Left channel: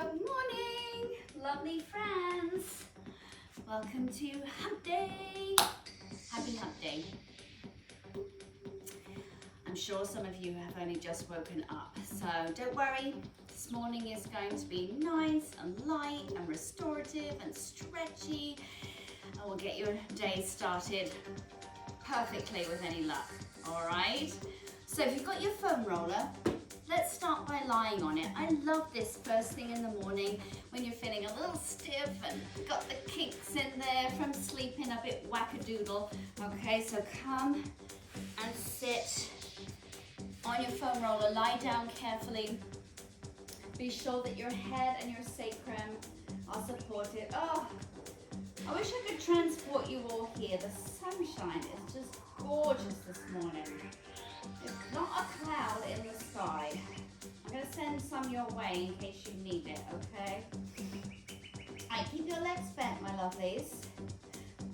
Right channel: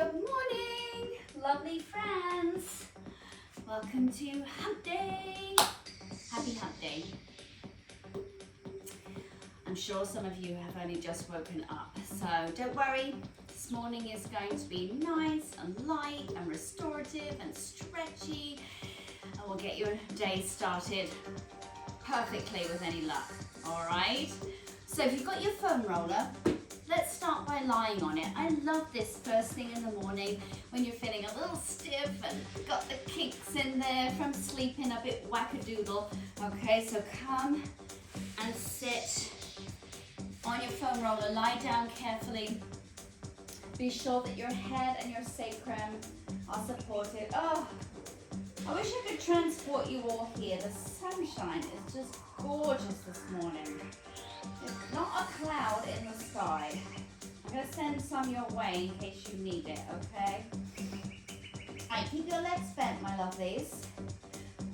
Good morning, lovely friends. Welcome to Hump Day. Happy Hump Day. I'm sure some of you have only just woken up, so don't worry. This morning is going to be nice and light and restorative and stretchy, and we'll get your day started perfectly with any luck, all right? So if you've got your foam roller, let's start by lying on it. I love this first thing in the morning when you're feeling a little stiff and got the kinks in there from sleeping a bit wackadoodle. Okay, so come and sit on your foam roller. Lie down carefully. Be sure that your head and your sacrum are supported. Oh, I wish I could transport you all here. The sunshine is just gorgeous this morning. It's not a cloud in the sky. I'm going to send some your way in case you need it, okay? Alright, keep your legs bent, my lovelies.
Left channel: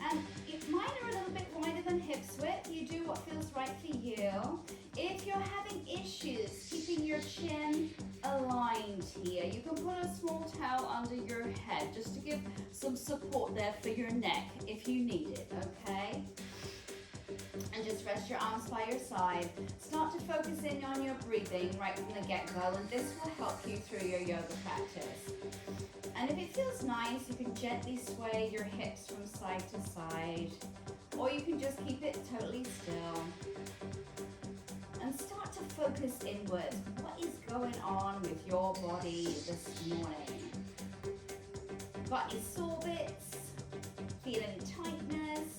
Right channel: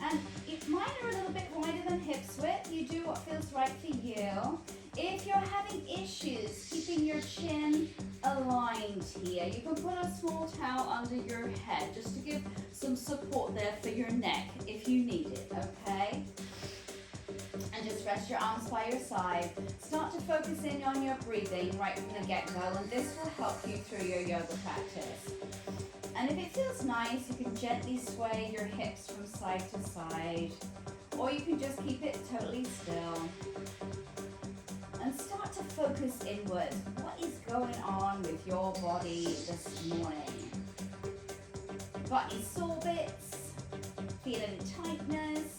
And if mine are a little bit wider than hips width, you do what feels right for you. If you're having issues keeping your chin aligned here, you can put a small towel under your head just to give some support there for your neck if you need it, okay? And just rest your arms by your side. Start to focus in on your breathing right from the get-go, and this will help you through your yoga practice. And if it feels nice, you can gently sway your hips from side to side, or you can just keep it totally still. And start to focus inward. What is going on with your body this morning? Got any sore bits? Feel any tightness?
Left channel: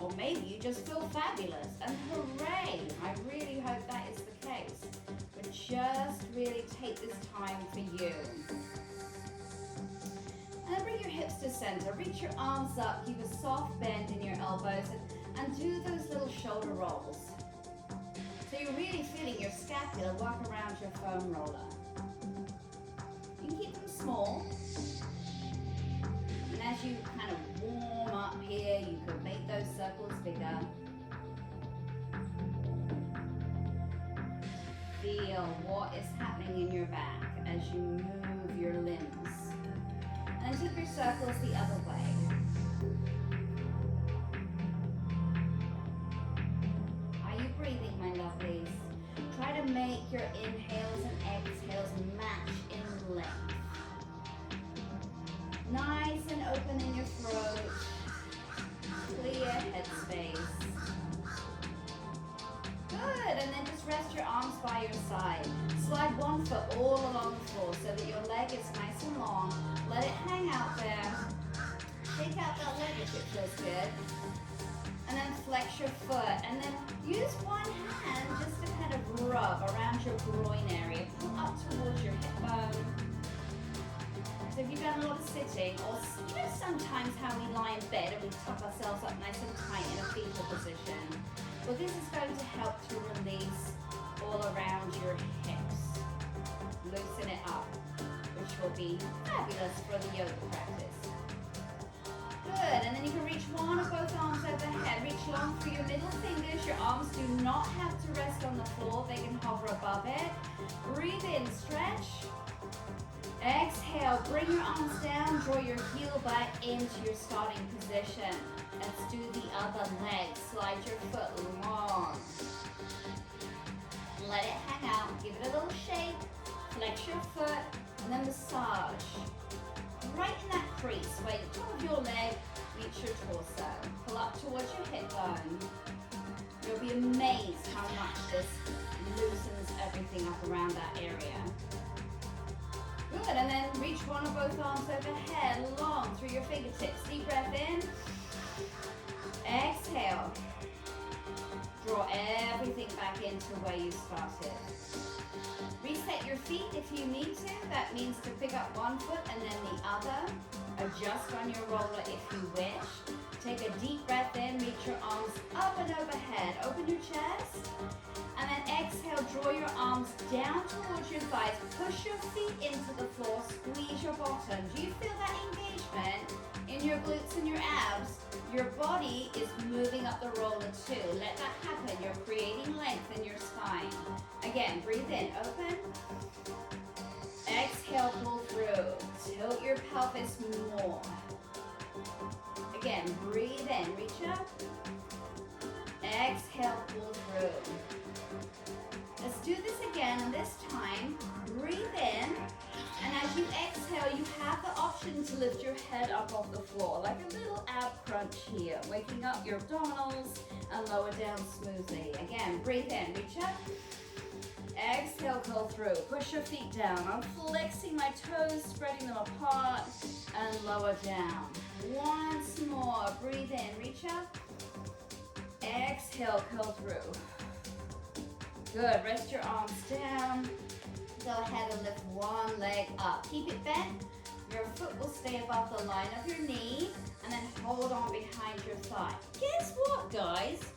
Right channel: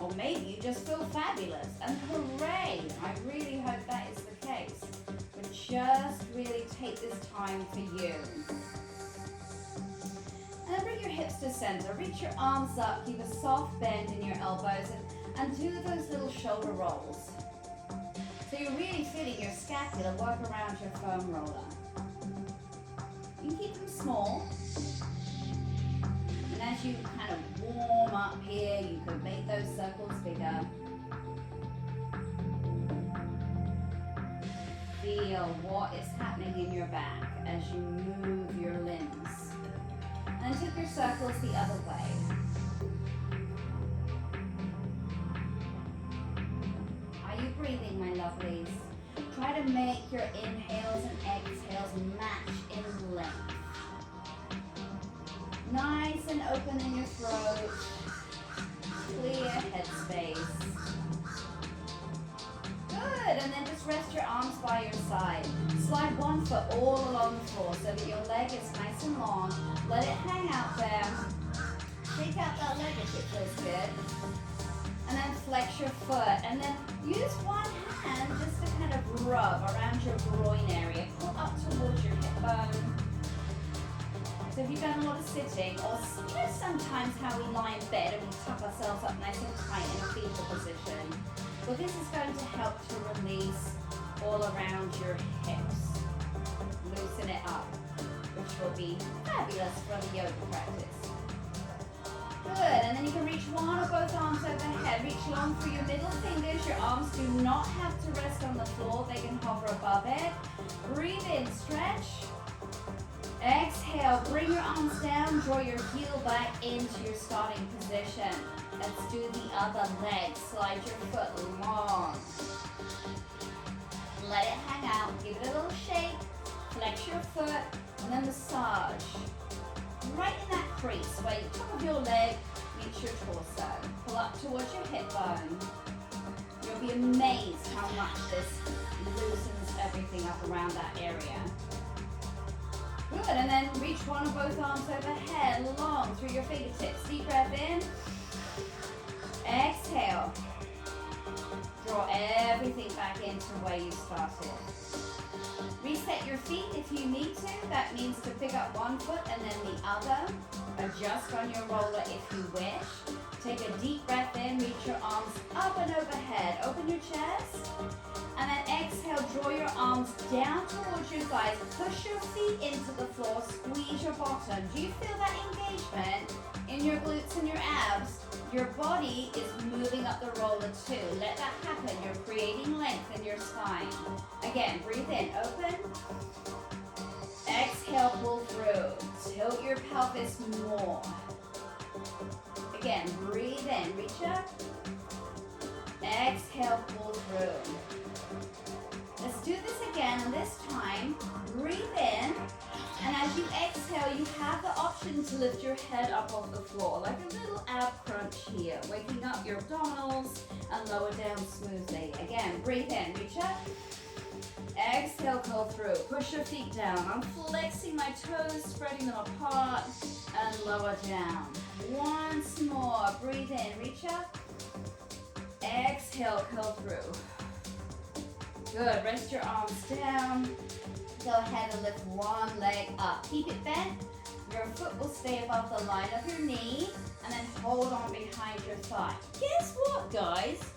Or maybe you just feel fabulous, and hooray! I really hope that is the case. But just really take this time for you. And then bring your hips to center. Reach your arms up, keep a soft bend in your elbows, and do those little shoulder rolls. So you're really feeling your scapula work around your foam roller. You can keep them small. And as you kind of warm up here, you could make those circles bigger. Feel what is happening in your back as you move your limbs. And then take your circles the other way. Are you breathing, my lovelies? Try to make your inhales and exhales match in length. Nice and open in your throat. Clear headspace. Good, and then just rest your arms by your side. Slide one foot all along the floor so that your leg is nice and long. Let it hang out there. Shake out that leg if it feels good. And then flex your foot. And then use one hand just to kind of rub around your groin area. Pull up towards your hip bone. So if you've done a lot of sitting, or you know sometimes how we lie in bed and we tuck ourselves up nice and tight in a fetal position, well this is going to help to release all around your hips. Loosen it up, which will be fabulous for the yoga practice. Good, and then you can reach one or both arms overhead. Reach long through your middle fingers. Your arms do not have to rest on the floor. They can hover above it. Breathe in, stretch. Exhale, bring your arms down, draw your heel back into your starting position. Let's do the other leg. Slide your foot long. Let it hang out, give it a little shake, flex your foot, and then massage. Right in that crease where the top of your leg meets your torso. Pull up towards your hip bone. You'll be amazed how much this loosens everything up around that area. Good, and then reach one or both arms overhead, long through your fingertips. Deep breath in. Exhale. Draw everything back into where you started. Reset your feet if you need to. That means to pick up one foot and then the other. Adjust on your roller if you wish. Take a deep breath in, reach your arms up and overhead. Open your chest. And then exhale, draw your arms down towards your thighs. Push your feet into the floor, squeeze your bottom. Do you feel that engagement in your glutes and your abs? Your body is moving up the roller too. Let that happen. You're creating length in your spine. Again, breathe in, open. Exhale, Tilt your pelvis more. Again, breathe in, reach up. Exhale, pull through. Let's do this again, and this time, breathe in. And as you exhale, you have the option to lift your head up off the floor, like a little ab crunch here, waking up your abdominals and lower down smoothly. Again, breathe in, reach up. Exhale, curl through. Push your feet down. I'm flexing my toes, spreading them apart, and lower down. Once more, breathe in, reach up. Exhale, curl through. Good, rest your arms down. Go ahead and lift one leg up. Keep it bent. Your foot will stay above the line of your knee, and then hold on behind your thigh. Guess what, guys?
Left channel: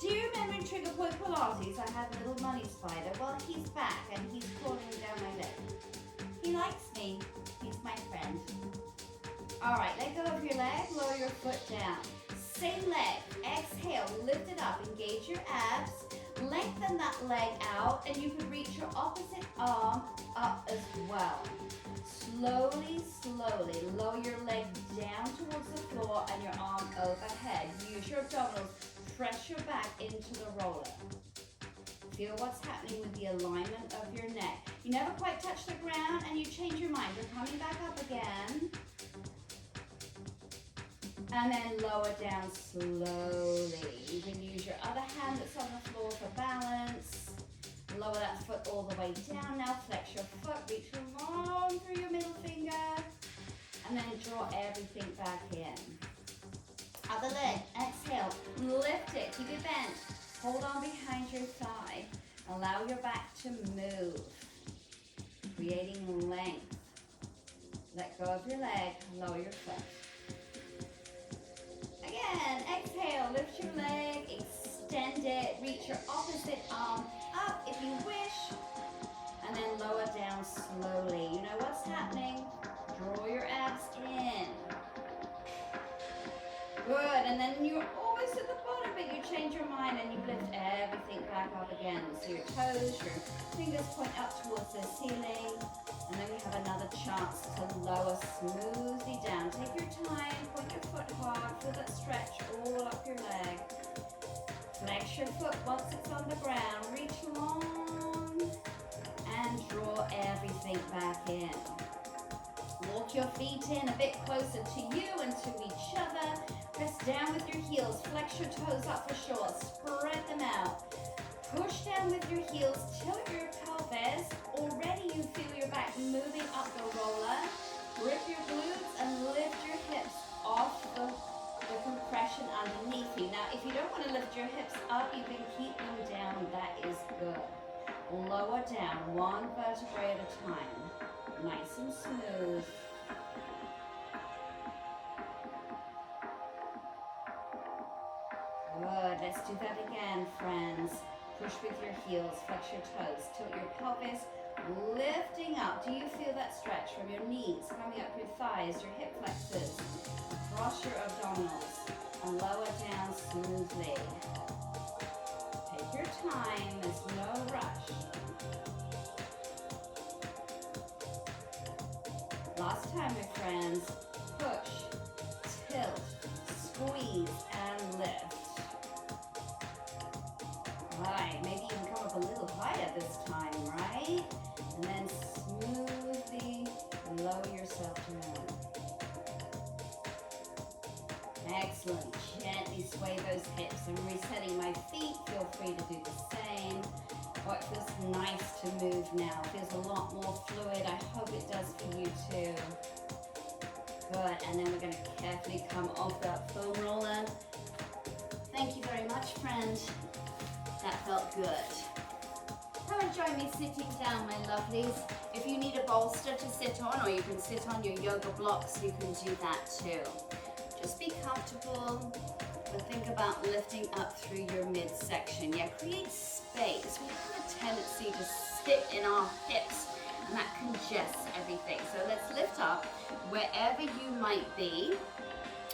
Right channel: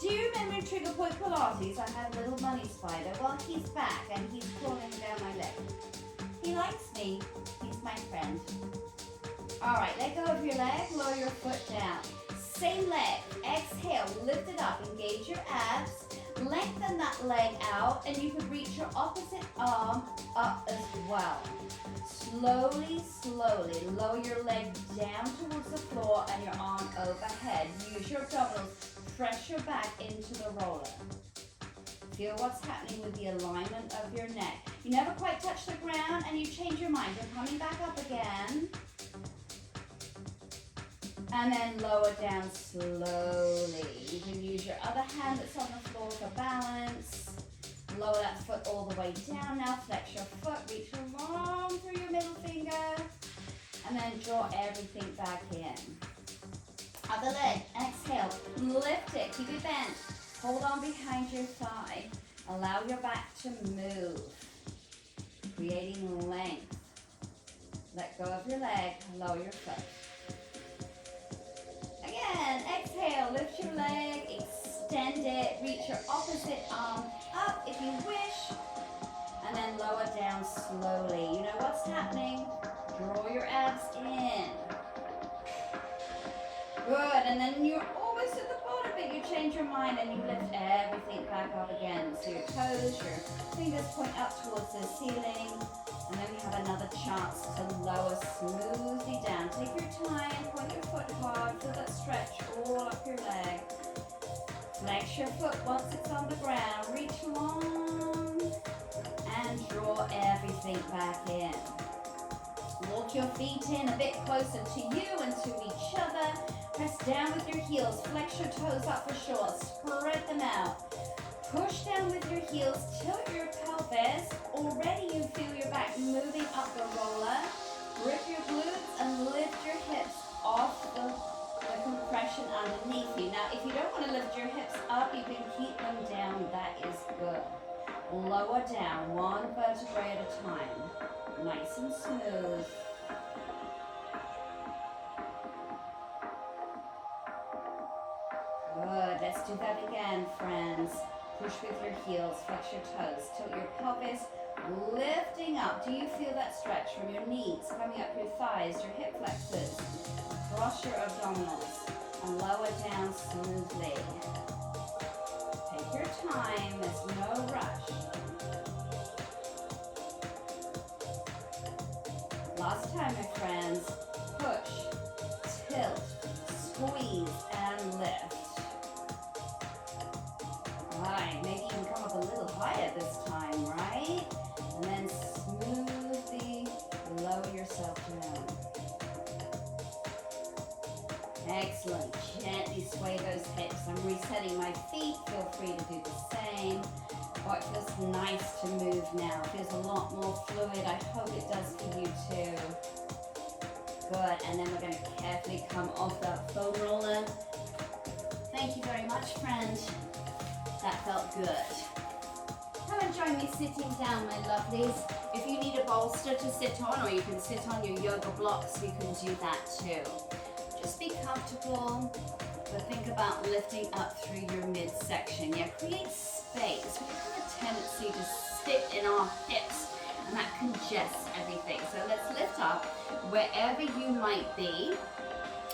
Do you remember in Trigger Point Pilates, I had a little money spider? Well, he's back, and he's crawling down my leg. He likes me. He's my friend. All right, let go of your leg, lower your foot down. Same leg, exhale, lift it up, engage your abs, lengthen that leg out, and you can reach your opposite arm up as well. Slowly, slowly, lower your leg down towards the floor and your arm overhead. Use your abdominals, press your back into the roller. Feel what's happening with the alignment of your neck. You never quite touch the ground and you change your mind. You're coming back up again. And then lower down slowly. You can use your other hand that's on the floor for balance. Lower that foot all the way down. Now flex your foot, reach long through your middle finger. And then draw everything back in. Other leg, exhale, lift it, keep it bent. Hold on behind your thigh. Allow your back to move, creating length. Let go of your leg, lower your foot. Again, exhale, lift your leg, extend it, reach your opposite arm up if you wish, and then lower down slowly. You know what's happening? Draw your abs in. Good, and then you're almost at the bottom, but you change your mind and you lift everything back up again. So your toes, your fingers point up towards the ceiling, and then you have another chance to lower smoothly down. Take your time, point your foot hard, feel that stretch all up your leg. Flex your foot once it's on the ground, reach long, and draw everything back in. Walk your feet in a bit closer to you and to each other. Press down with your heels, flex your toes up for sure, spread them out. Push down with your heels, tilt your pelvis. Already you feel your back moving up the roller. Grip your glutes and lift your hips off the compression underneath you. Now, if you don't want to lift your hips up, you can keep them down. That is good. Lower down, one vertebrae at a time. Nice and smooth. Good. Let's do that again, friends. Push with your heels, flex your toes, tilt your pelvis, lifting up. Do you feel that stretch from your knees, coming up your thighs, your hip flexors, cross your abdominals, and lower down smoothly. Take your time, there's no rush. Last time, my friends. Push, tilt, squeeze, and lift. Right, maybe you can come up a little higher this time, right? And then smoothly lower yourself down. Excellent. Gently sway those hips. I'm resetting my feet. Feel free to do the same. Oh, it feels nice to move now. It feels a lot more fluid. I hope it does for you too. Good. And then we're going to carefully come off that foam roller. Thank you very much, friend. That felt good. Come and join me sitting down, my lovelies. If you need a bolster to sit on, or you can sit on your yoga blocks, you can do that too. Just be comfortable, but think about lifting up through your midsection. Yeah, create space. We have a tendency to sit in our hips, and that congests everything. So let's lift up wherever you might be,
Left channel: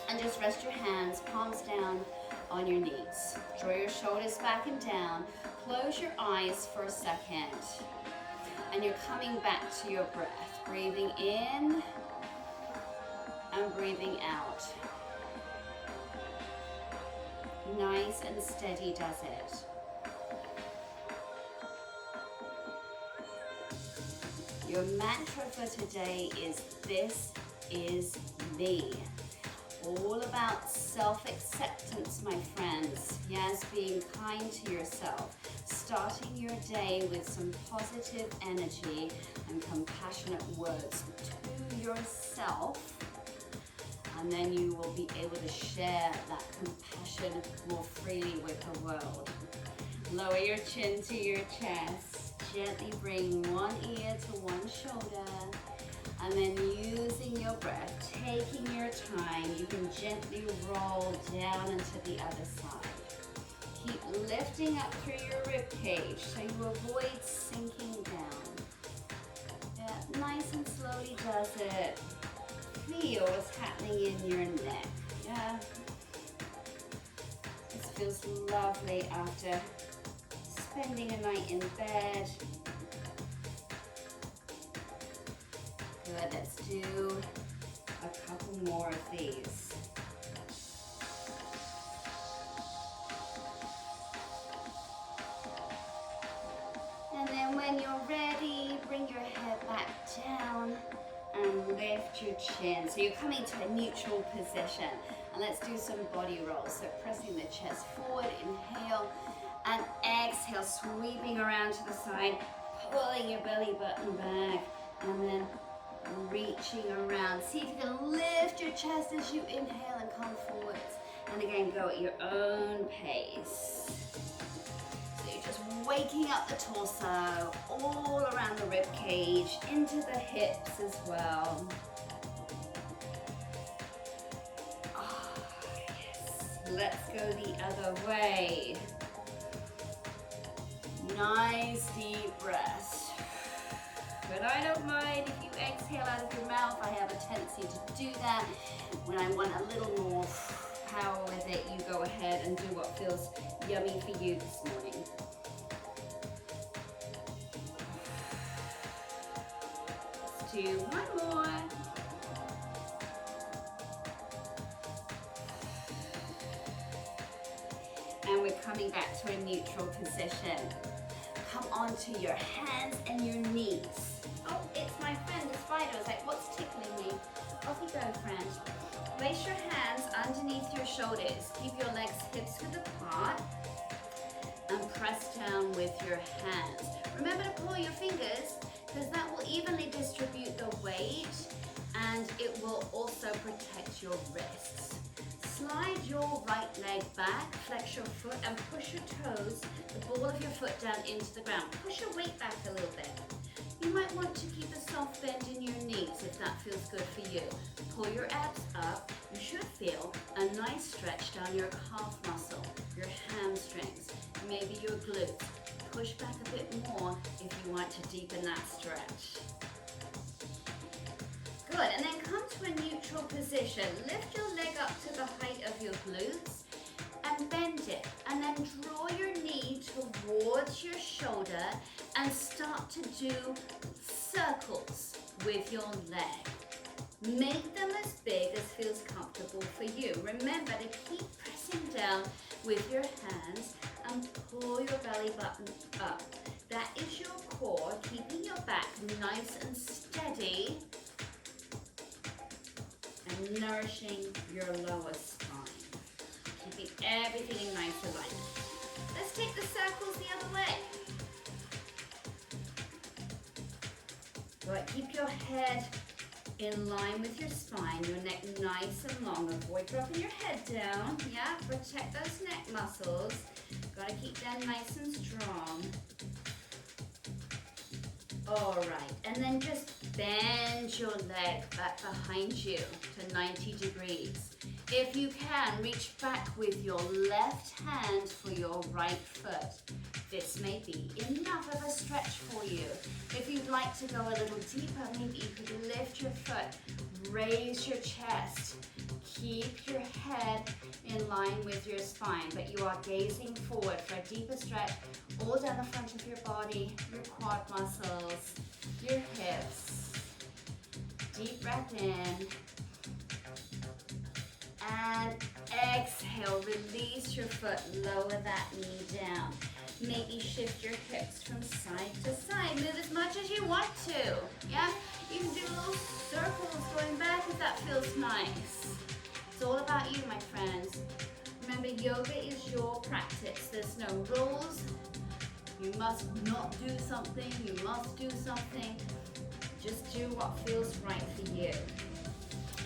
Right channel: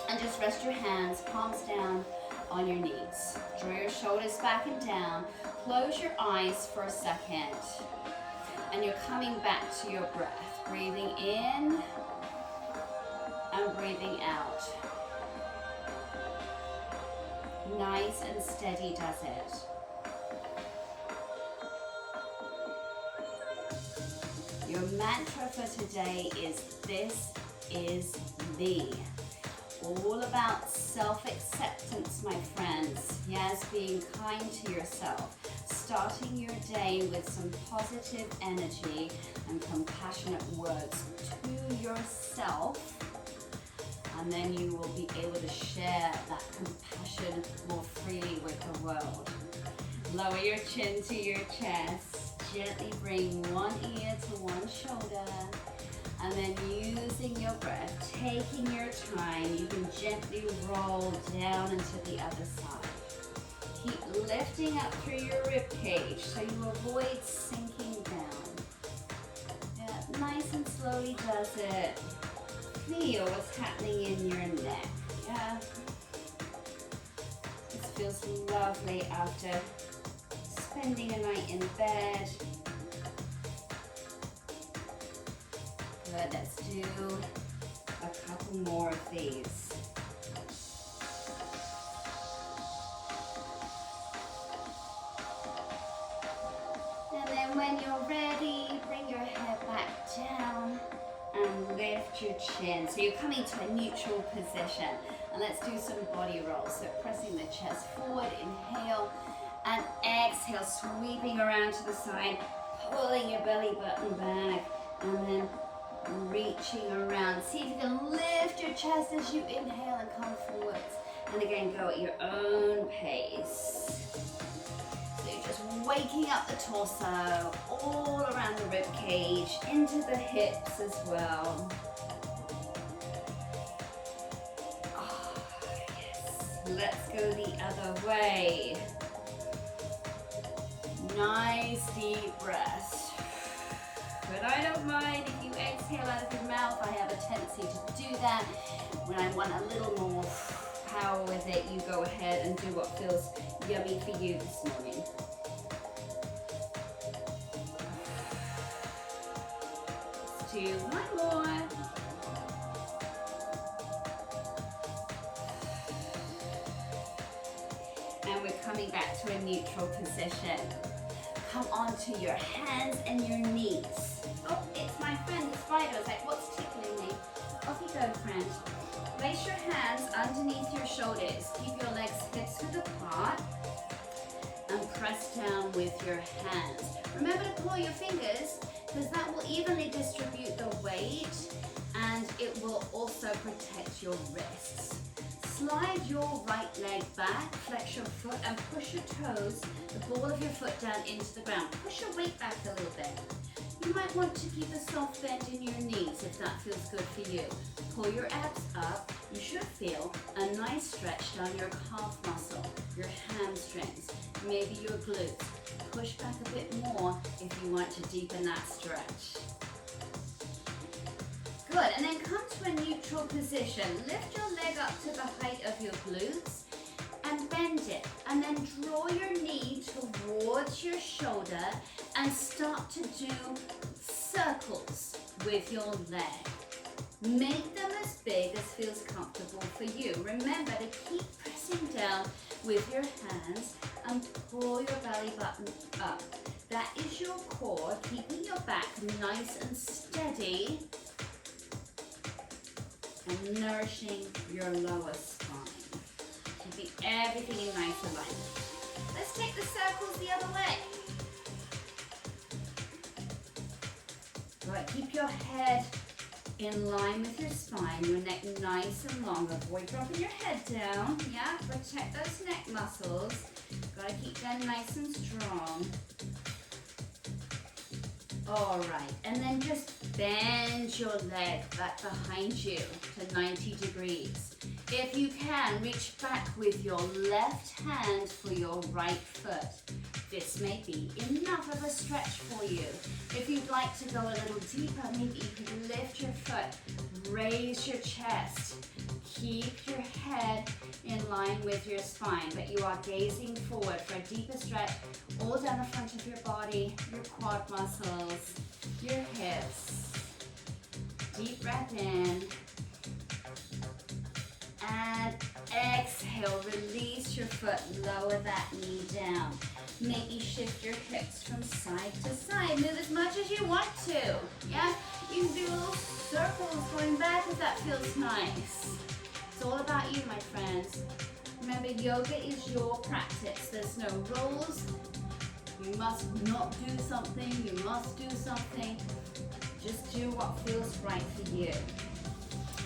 and just rest your hands, palms down, on your knees. Draw your shoulders back and down. Close your eyes for a second. And you're coming back to your breath. Breathing in and breathing out. Nice and steady does it. Your mantra for today is "This is me." All about self-acceptance, my friends. Yes, being kind to yourself. Starting your day with some positive energy and compassionate words to yourself. And then you will be able to share that compassion more freely with the world. Lower your chin to your chest. Gently bring one ear to one shoulder. And then using your breath, taking your time, you can gently roll down into the other side. Keep lifting up through your rib cage so you avoid sinking down. Yeah, nice and slowly does it. Feel what's happening in your neck. Yeah. This feels lovely after spending a night in bed. Good, let's do a couple more of these. And then when you're ready, bring your head back down and lift your chin. So you're coming to a neutral position. And let's do some body rolls. So pressing the chest forward, inhale, and exhale, sweeping around to the side, pulling your belly button back, and then reaching around. See if you can lift your chest as you inhale and come forwards. And again, go at your own pace. So you're just waking up the torso, all around the rib cage, into the hips as well. Oh, yes. Let's go the other way. Nice deep breath. But I don't mind if you exhale out of your mouth. I have a tendency to do that. When I want a little more power with it, you go ahead and do what feels yummy for you this morning. Let's do one more. And we're coming back to a neutral position. Come onto your hands and your knees. Oh, it's my friend, the spider. It's like, what's tickling me? Off you go, friend. Place your hands underneath your shoulders. Keep your legs hips width apart. And press down with your hands. Remember to pull your fingers, because that will evenly distribute the weight and it will also protect your wrists. Slide your right leg back, flex your foot and push your toes, the ball of your foot down into the ground. Push your weight back a little bit. You might want to keep a soft bend in your knees if that feels good for you. Pull your abs up. You should feel a nice stretch down your calf muscle, your hamstrings, maybe your glutes. Push back a bit more if you want to deepen that stretch. Good, and then come to a neutral position. Lift your leg up to the height of your glutes and bend it. And then draw your knee towards your shoulder and start to do circles with your leg. Make them as big as feels comfortable for you. Remember to keep pressing down with your hands and pull your belly button up. That is your core, keeping your back nice and steady and nourishing your lower spine. Keeping everything in nice alignment. Let's take the circles the other way. Right, keep your head in line with your spine, your neck nice and long. Avoid dropping your head down. Yeah, protect those neck muscles. Gotta keep them nice and strong. All right, and then just bend your leg back behind you to 90 degrees. If you can, reach back with your left hand for your right foot. This may be enough of a stretch for you. If you'd like to go a little deeper, maybe you could lift your foot, raise your chest, keep your head in line with your spine, but you are gazing forward for a deeper stretch all down the front of your body, your quad muscles, your hips. Release your foot, lower that knee down. Maybe shift your hips from side to side. Move as much as you want to. Yeah, you can do little circles going back if that feels nice. It's all about you, my friends. Remember, yoga is your practice. There's no rules. You must not do something. You must do something. Just do what feels right for you.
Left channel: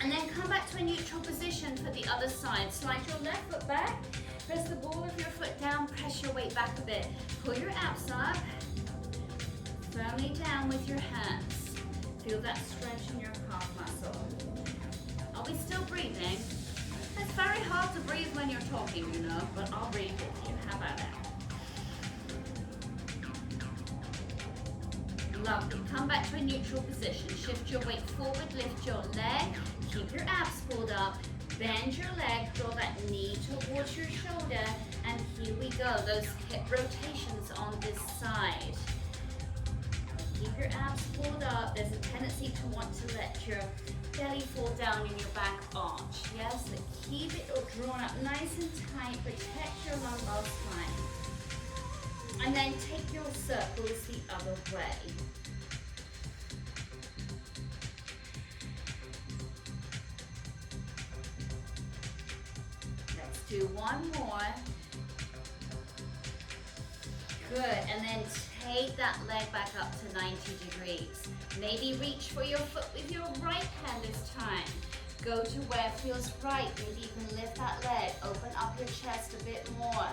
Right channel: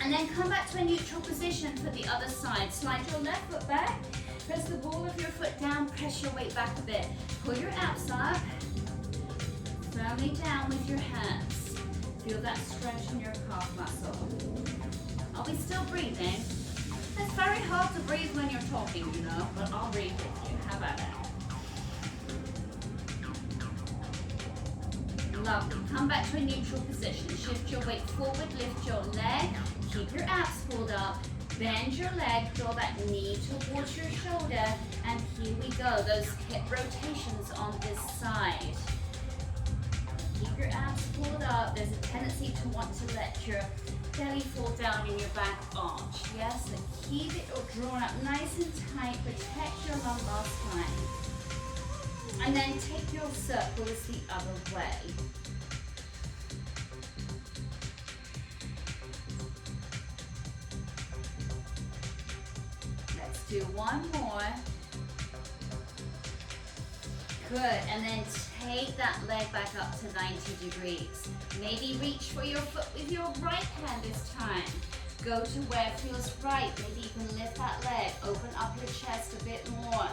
And then come back to a neutral position for the other side. Slide your left foot back. Press the ball of your foot down. Press your weight back a bit. Pull your abs up. Firmly down with your hands. Feel that stretch in your calf muscle. Are we still breathing? It's very hard to breathe when you're talking, you know, but I'll breathe with you. How about that? Lovely. Come back to a neutral position. Shift your weight forward, lift your leg. Keep your abs pulled up. Bend your leg, draw that knee towards your shoulder, and here we go. Those hip rotations on this side. Keep your abs pulled up. There's a tendency to want to let your belly fall down in your back arch. Yes, so keep it all drawn up nice and tight. Protect your lumbar spine. And then take your circles the other way. Let's do one more. Good, and then take that leg back up to 90 degrees. Maybe reach for your foot with your right hand this time. Go to where it feels right. Maybe you can lift that leg. Open up your chest a bit more.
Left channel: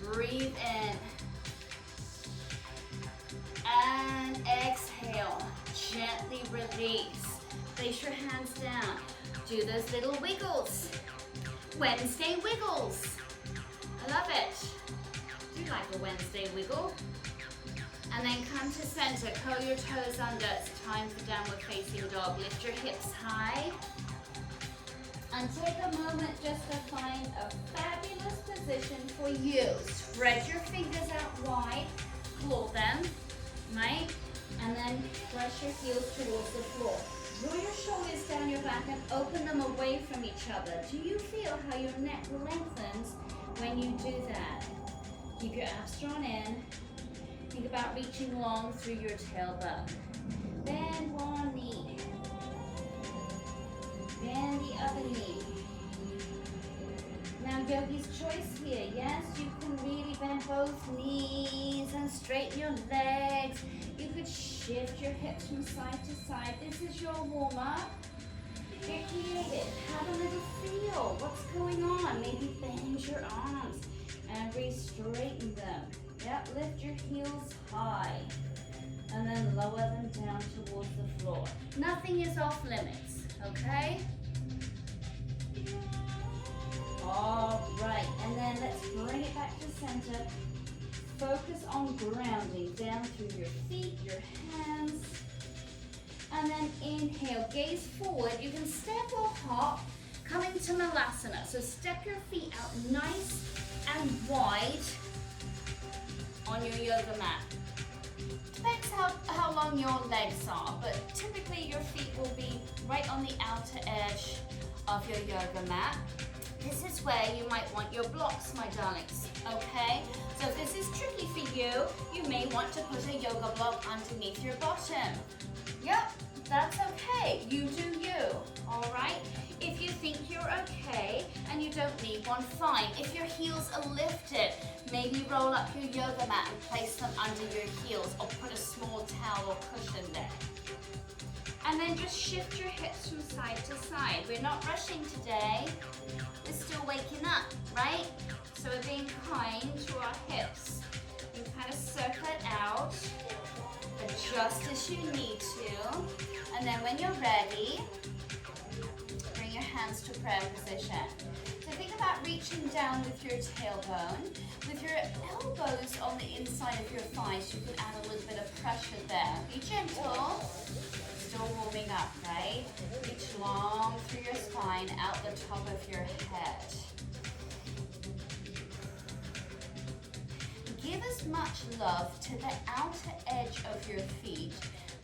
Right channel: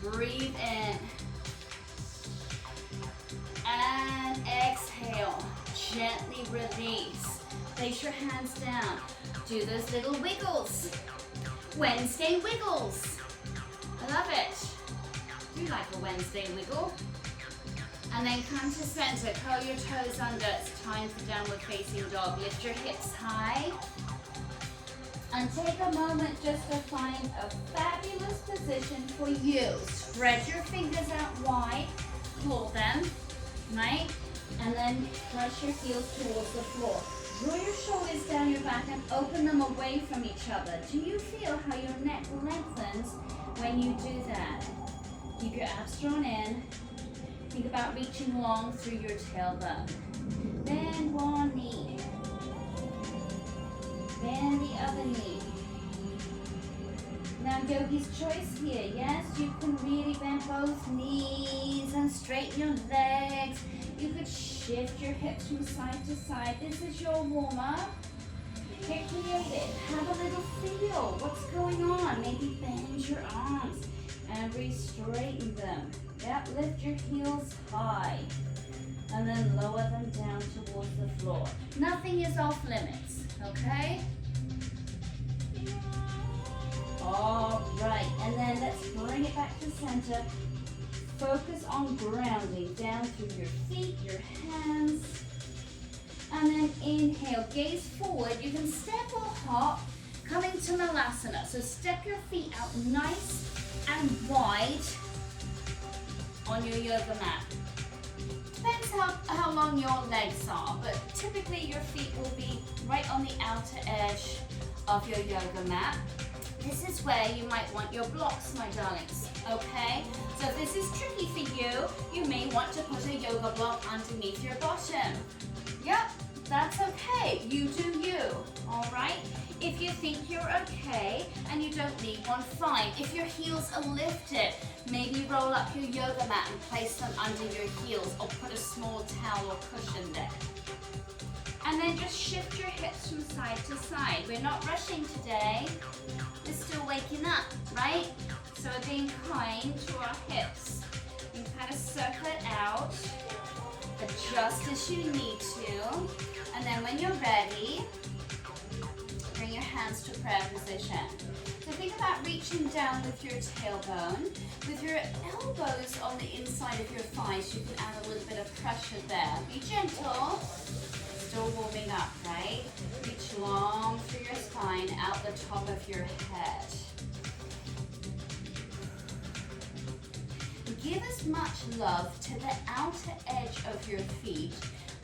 Breathe in. And exhale. Gently release. Place your hands down. Do those little wiggles. Wednesday wiggles. I love it. Do you like a Wednesday wiggle? And then come to center. Curl your toes under. It's time for downward facing dog. Lift your hips high. And take a moment just to find a fabulous position for you. Spread your fingers out wide, claw them, right? And then press your heels towards the floor. Draw your shoulders down your back and open them away from each other. Do you feel how your neck lengthens when you do that? Keep your abs drawn in. Think about reaching long through your tailbone. Bend one knee. Bend the other knee. Now yogi's choice here, yes? You can really bend both knees and straighten your legs. You could shift your hips from side to side. This is your warm-up. Get creative. Have a little feel. What's going on? Maybe bend your arms and re-straighten them. Yep, lift your heels high. And then lower them down towards the floor. Nothing is off limits, okay? All right, and then let's bring it back to center. Focus on grounding down through your feet, your hands. And then inhale, gaze forward. You can step or hop, coming to Malasana. So step your feet out nice and wide on your yoga mat. Depends how long your legs are, but typically your feet will be right on the outer edge of your yoga mat. This is where you might want your blocks, my darlings, okay? So if this is tricky for you, you may want to put a yoga block underneath your bottom. Yep, that's okay. You do you, all right? If you think you're okay and you don't need one, fine. If your heels are lifted, maybe roll up your yoga mat and place them under your heels or put a small towel or cushion there. And then just shift your hips from side to side. We're not rushing today. We're still waking up, right? So we're being kind to our hips. You can kind of circle it out, adjust as you need to. And then when you're ready, bring your hands to prayer position. So think about reaching down with your tailbone. With your elbows on the inside of your thighs, you can add a little bit of pressure there. Be gentle. Still warming up, right? Reach long through your spine, out the top of your head. Give as much love to the outer edge of your feet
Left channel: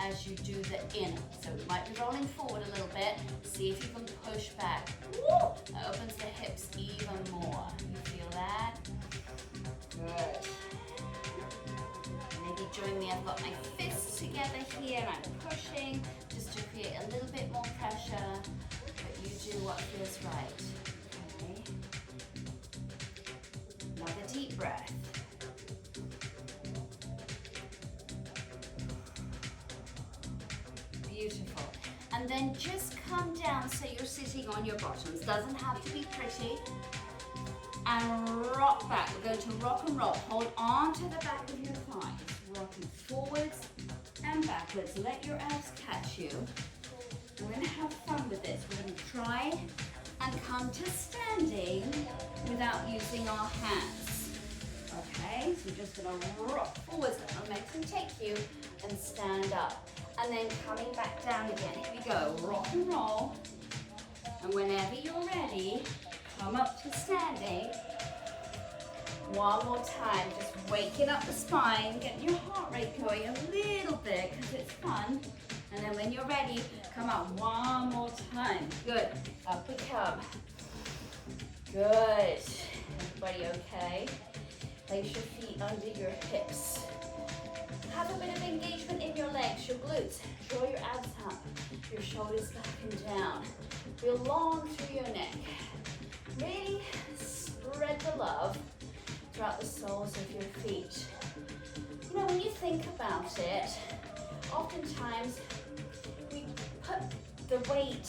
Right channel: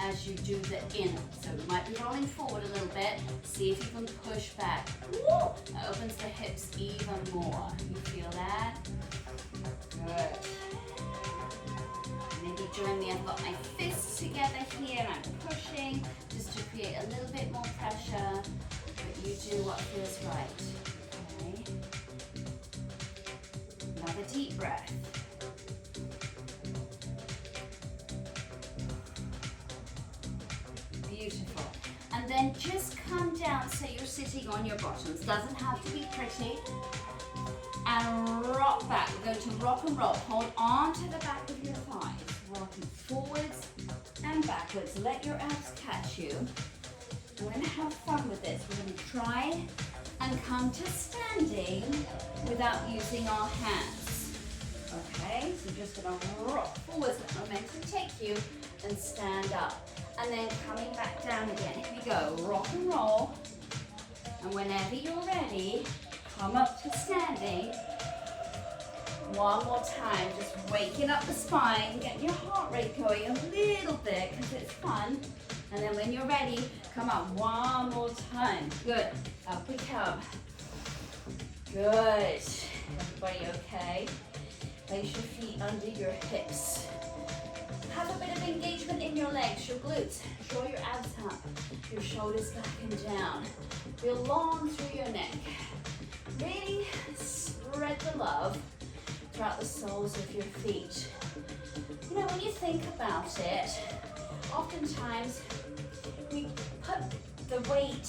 as you do the in. So you might be rolling forward a little bit. See if you can push back. Woo! That opens the hips even more. You feel that? Good. Maybe join me. I've got my fists together here and I'm pushing just to create a little bit more pressure. But you do what feels right. Okay. Another deep breath. Beautiful. And then just come down so you're sitting on your bottoms. Doesn't have to be pretty. And rock back. We're going to rock and roll. Hold on to the back of your thighs. Rocking forwards and backwards. Let your abs catch you. We're going to have fun with this. We're going to try and come to standing without using our hands. Okay, so you're just going to rock forwards. Let momentum take you and stand up. And then coming back down again. Here we go. Rock and roll. And whenever you're ready, come up to standing. One more time, just waking up the spine, getting your heart rate going a little bit because it's fun. And then when you're ready, come up one more time. Good. Up we come. Good. Everybody okay? Place your feet under your hips. Have a bit of engagement in your legs, your glutes. Draw your abs up, your shoulders back and down. Feel long through your neck. Really spread the love throughout the soles of your feet. You know, when you think about it, oftentimes we put the weight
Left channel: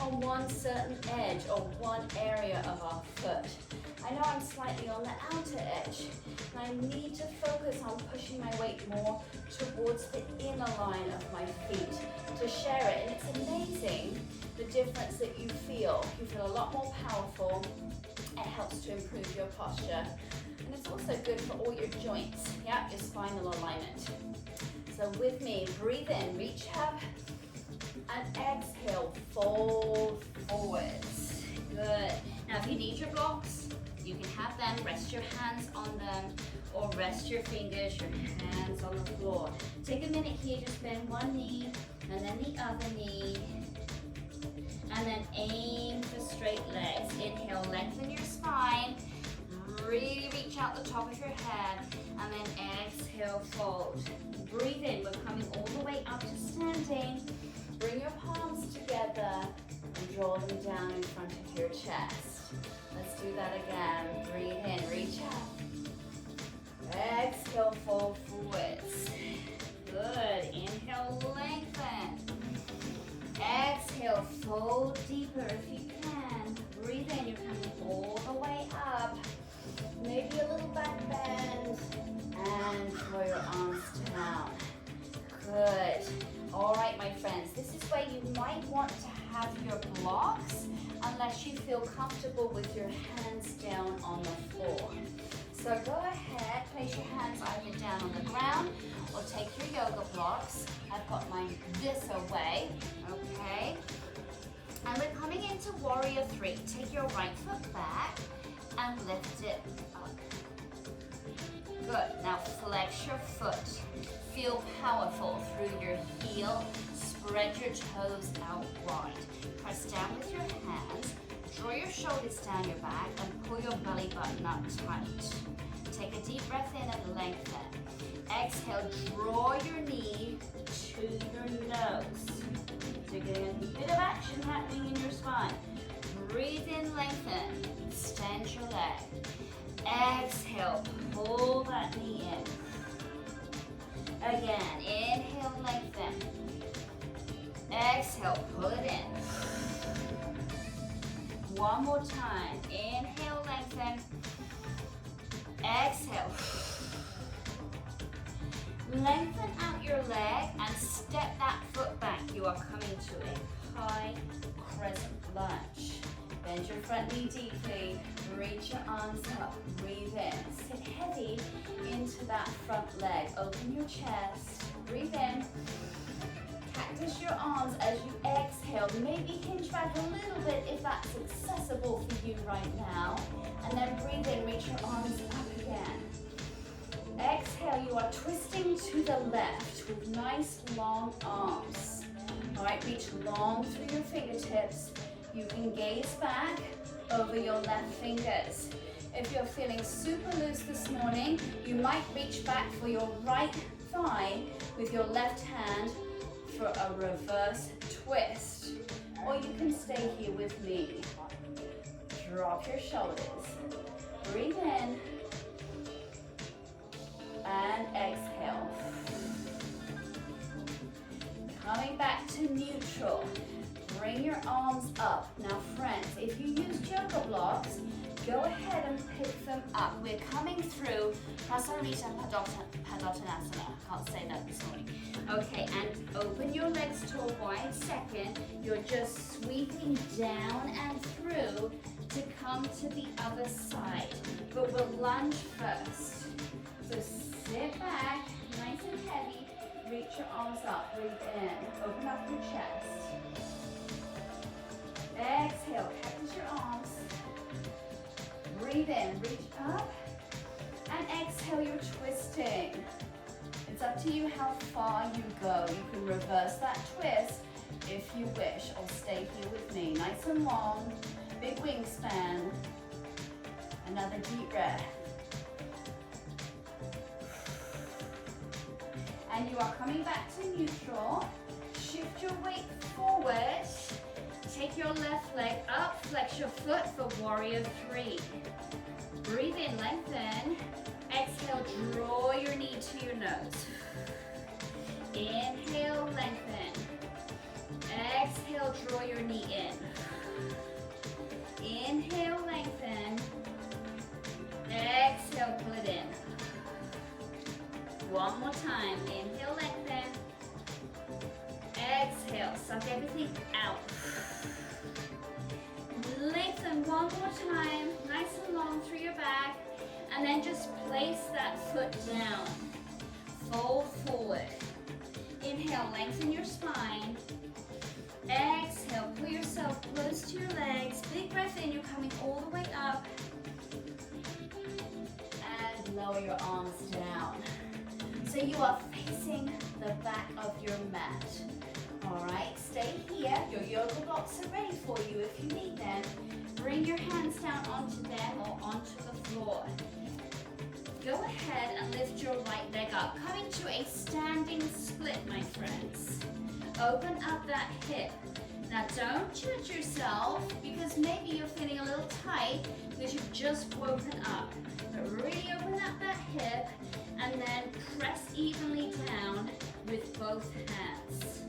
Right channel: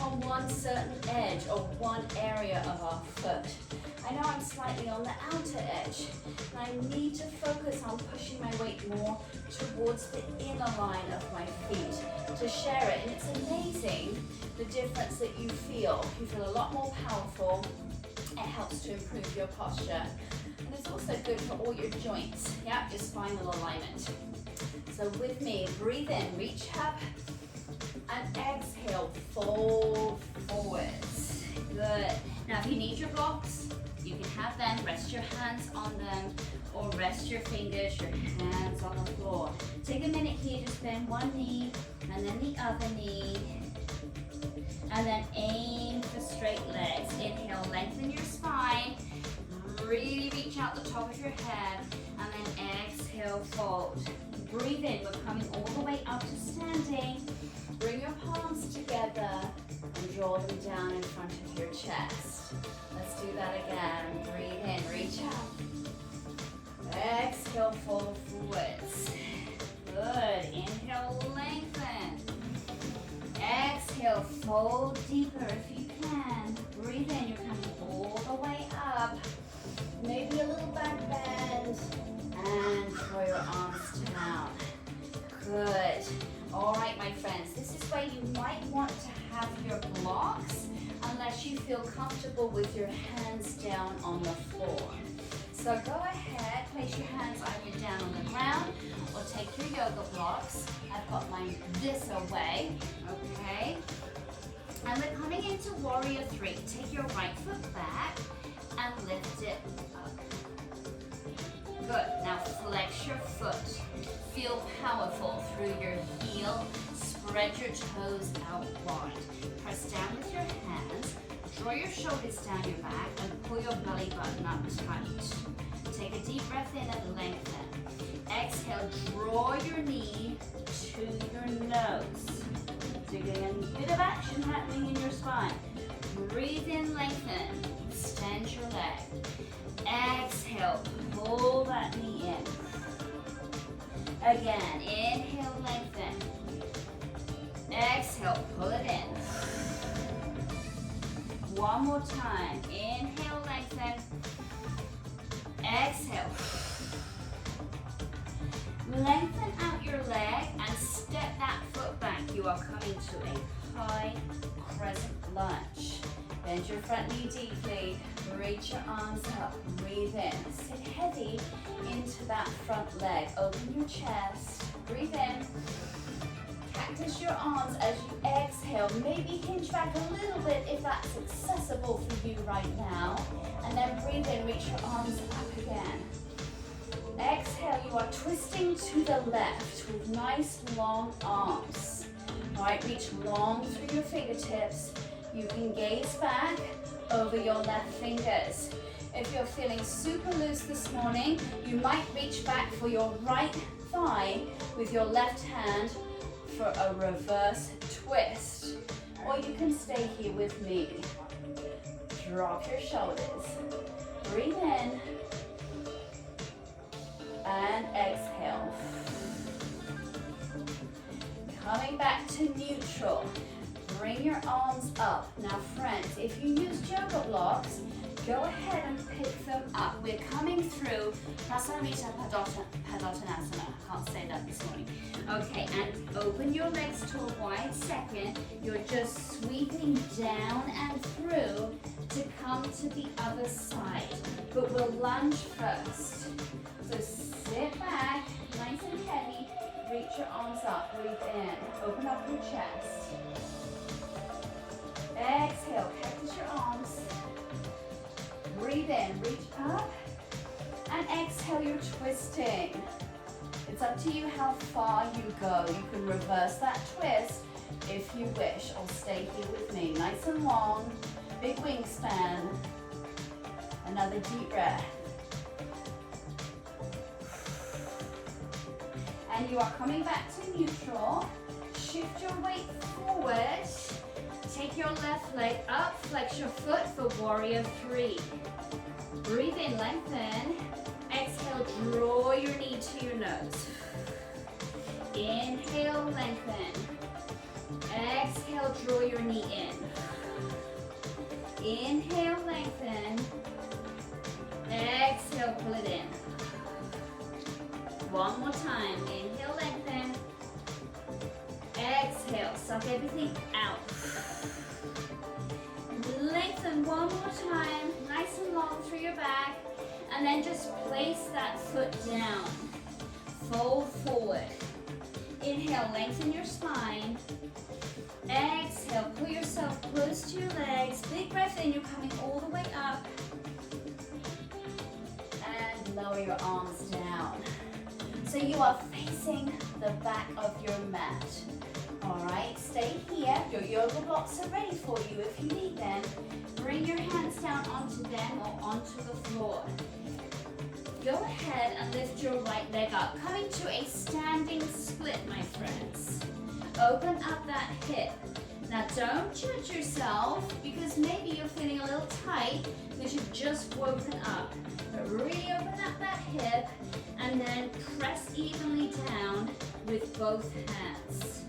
on one certain edge or one area of our foot. I know I'm slightly on the outer edge, and I need to focus on pushing my weight more towards the inner line of my feet to share it. And it's amazing the difference that you feel. You feel a lot more powerful. It helps to improve your posture. And it's also good for all your joints, yeah, your spinal alignment. So with me, breathe in, reach up, and exhale, fold forwards. Good. Now if you need your blocks, you can have them, rest your hands on them, or rest your fingers, your hands on the floor. Take a minute here, just bend one knee, and then the other knee, and then aim for straight legs. Inhale, lengthen your spine, really reach out the top of your head, and then exhale, fold. Breathe in, we're coming all the way up to standing. Bring your palms together and draw them down in front of your chest. Let's do that again. Breathe in, reach up. Exhale, fold forwards. Good. Inhale, lengthen. Exhale, fold deeper if you can. Breathe in, you're coming all the way up. Maybe a little back bend. And draw your arms down. Good. All right, my friends, this is where you might want to have your blocks unless you feel comfortable with your hands down on the floor. So go ahead, place your hands either down on the ground or take your yoga blocks. I've got mine this away, okay? And we're coming into Warrior 3. Take your right foot back and lift it up. Good. Now flex your foot. Feel powerful through your heel. Spread your toes out wide. Press down with your hands. Draw your shoulders down your back and pull your belly button up tight. Take a deep breath in and lengthen. Exhale, draw your knee to your nose. So you're getting a bit of action happening in your spine. Breathe in, lengthen. Extend your leg. Exhale, pull that knee in. Again, inhale, lengthen. Exhale, pull it in. One more time. Inhale, lengthen. Exhale. Lengthen out your leg and step that foot back. You are coming to a high crescent lunge. Bend your front knee deeply. Reach your arms up. Breathe in. Sit heavy into that front leg. Open your chest. Breathe in. Cactus your arms as you exhale. Maybe hinge back a little bit if that's accessible for you right now. And then breathe in. Reach your arms up again. Exhale, you are twisting to the left with nice long arms. All right, reach long through your fingertips. You can gaze back over your left fingers. If you're feeling super loose this morning, you might reach back for your right thigh with your left hand for a reverse twist. Or you can stay here with me. Drop your shoulders. Breathe in. And exhale. Coming back to neutral. Bring your arms up. Now friends, if you use yoga blocks, go ahead and pick them up. We're coming through Prasarita Padottanasana. Can't say that this morning. Okay, and open your legs to a wide second. You're just sweeping down and through to come to the other side. But we'll lunge first. So sit back, nice and heavy. Reach your arms up, breathe in. Open up your chest. Exhale, cactus your arms. Breathe in, reach up. And exhale, you're twisting. It's up to you how far you go. You can reverse that twist if you wish, or stay here with me. Nice and long, big wingspan. Another deep breath. And you are coming back to neutral. Shift your weight forward. Take your left leg up, flex your foot for warrior 3. Breathe in, lengthen. Exhale, draw your knee to your nose. Inhale, lengthen. Exhale, draw your knee in. Inhale, lengthen. Exhale, pull it in. One more time. Inhale, lengthen. Exhale, suck everything out. Lengthen one more time, nice and long through your back, and then just place that foot down. Fold forward. Inhale, lengthen your spine. Exhale, pull yourself close to your legs. Big breath in, you're coming all the way up. And lower your arms down. So you are facing the back of your mat. All right, stay here. Your yoga blocks are ready for you if you need them. Bring your hands down onto them or onto the floor. Go ahead and lift your right leg up. Coming to a standing split, my friends. Open up that hip. Now don't judge yourself because maybe you're feeling a little tight because you've just woken up. But really open up that hip and then press evenly down with both hands.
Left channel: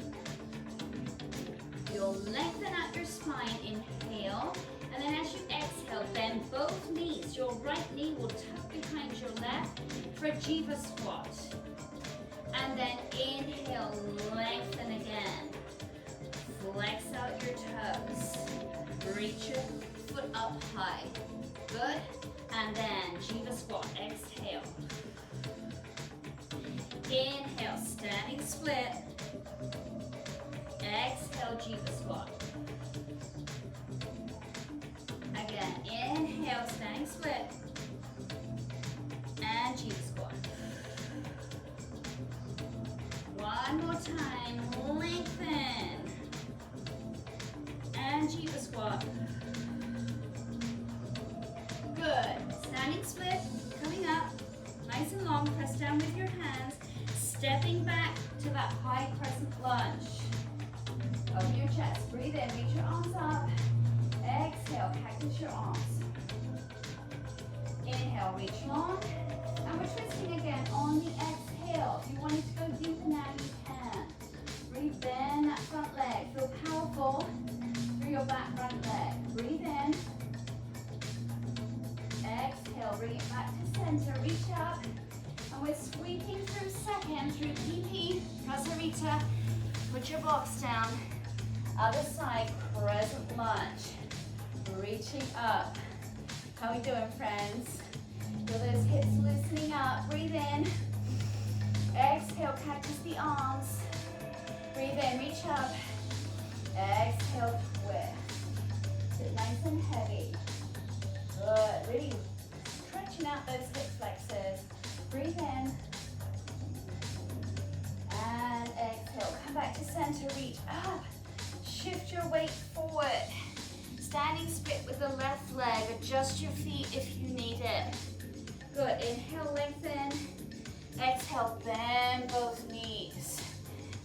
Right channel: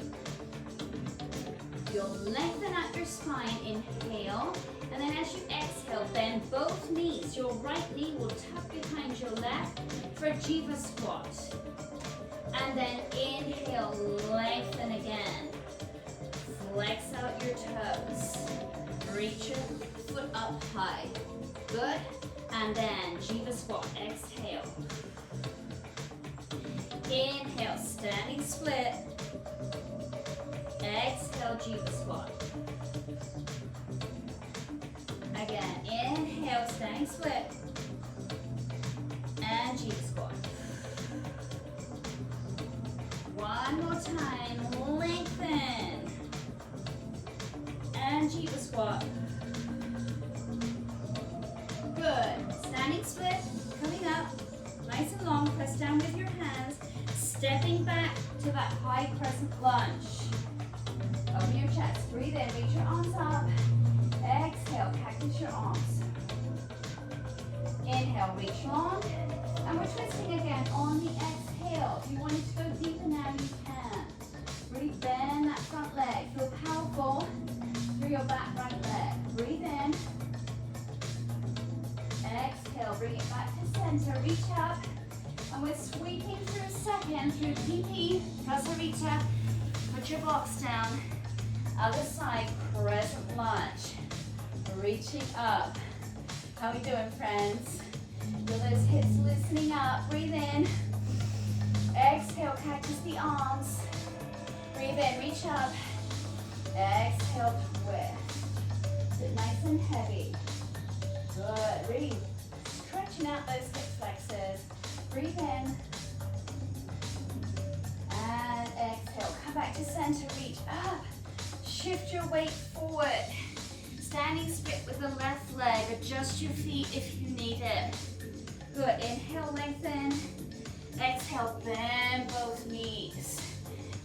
You'll lengthen out your spine, inhale, and then as you exhale, bend both knees. Your right knee will tuck behind your left for Jiva squat. And then inhale, lengthen again. Flex out your toes. Reach your foot up high. Good. And then Jiva squat, exhale. Inhale, standing split. Exhale, Jiva squat. Again, inhale, standing split. And Jiva squat. One more time, lengthen. And Jiva squat. Good. Standing split, coming up. Nice and long, press down with your hands. Stepping back to that high crescent lunge. Open your chest, breathe in, reach your arms up. Exhale, cactus your arms. Inhale, reach long. And we're twisting again on the exhale. If you wanted to go deeper now, you can. Really bend that front leg. Feel powerful through your back right leg. Breathe in. Exhale, bring it back to center. Reach up. And we're sweeping through second through PP, Prasarita. Put your blocks down. Other side, crescent lunge. Reaching up. How we doing, friends? Feel those hips loosening up. Breathe in. Exhale, cactus the arms. Breathe in, reach up. Exhale, twist. Sit nice and heavy. Good. Really stretching out those hip flexors. Breathe in. And exhale. Come back to center. Reach up. Shift your weight forward. Standing split with the left leg. Adjust your feet if you need it. Good. Inhale, lengthen. Exhale, bend both knees.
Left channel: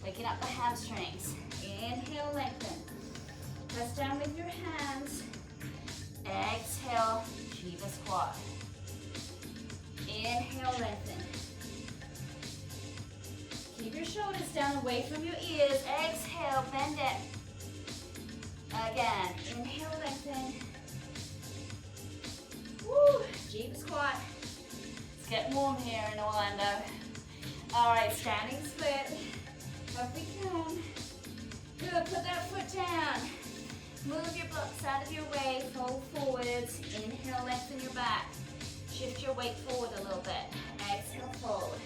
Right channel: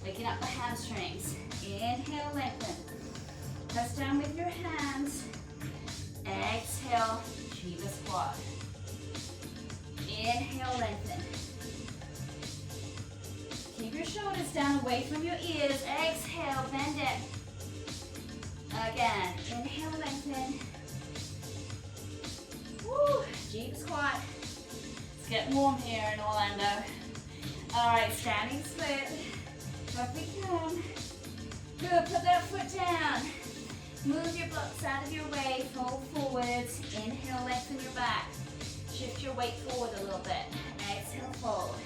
Waking up the hamstrings. Inhale, lengthen. Press down with your hands. Exhale, Jiva squat. Inhale, lengthen. Keep your shoulders down away from your ears. Exhale, bend it. Again, inhale, lengthen. Woo, Jiva squat. It's getting warm here in Orlando. All right, standing split. Up we come. Good, put that foot down. Move your blocks out of your way, fold forwards. Inhale, lengthen your back. Shift your weight forward a little bit. Exhale, fold.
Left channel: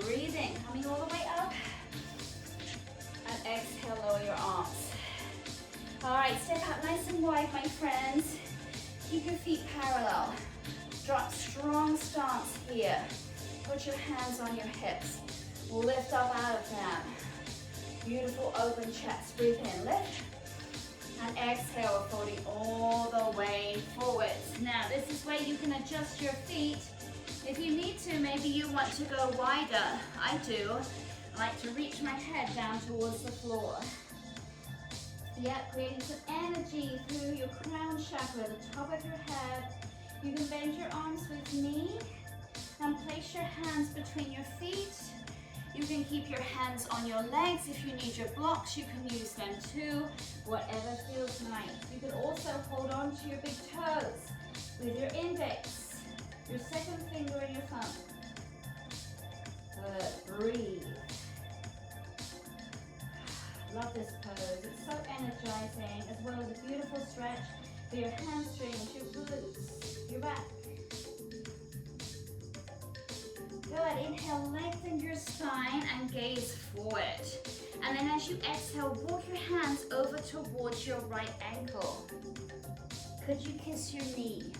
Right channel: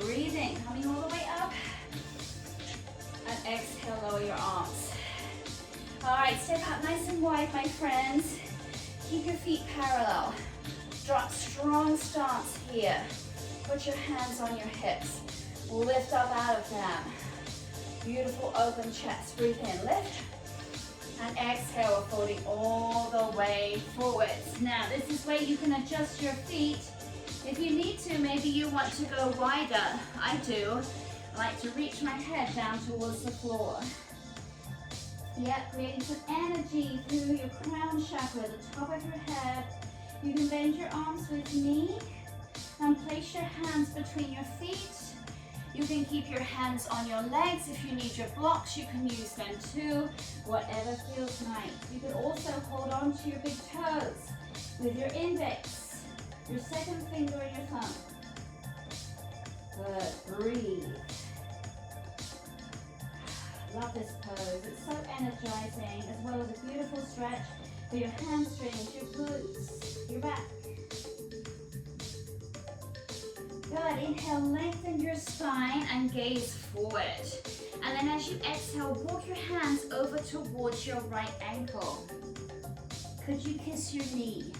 Breathing, coming all the way up. And exhale, lower your arms. All right, step out nice and wide, my friends. Keep your feet parallel. Drop strong stance here. Put your hands on your hips. Lift up out of them. Beautiful open chest. Breathe in, lift. And exhale, folding all the way forwards. Now, this is where you can adjust your feet. If you need to, maybe you want to go wider. I do. I like to reach my head down towards the floor. Yep, creating some energy through your crown chakra, the top of your head. You can bend your arms with me and place your hands between your feet. You can keep your hands on your legs. If you need your blocks, you can use them too, whatever feels nice. You can also hold on to your big toes with your index, your second finger and your thumb. Good, breathe. Love this pose, it's so energizing, as well as a beautiful stretch for your hamstrings, your glutes, your back. Good, inhale, lengthen your spine and gaze forward. And then as you exhale, walk your hands over towards your right ankle. Could you kiss your knee?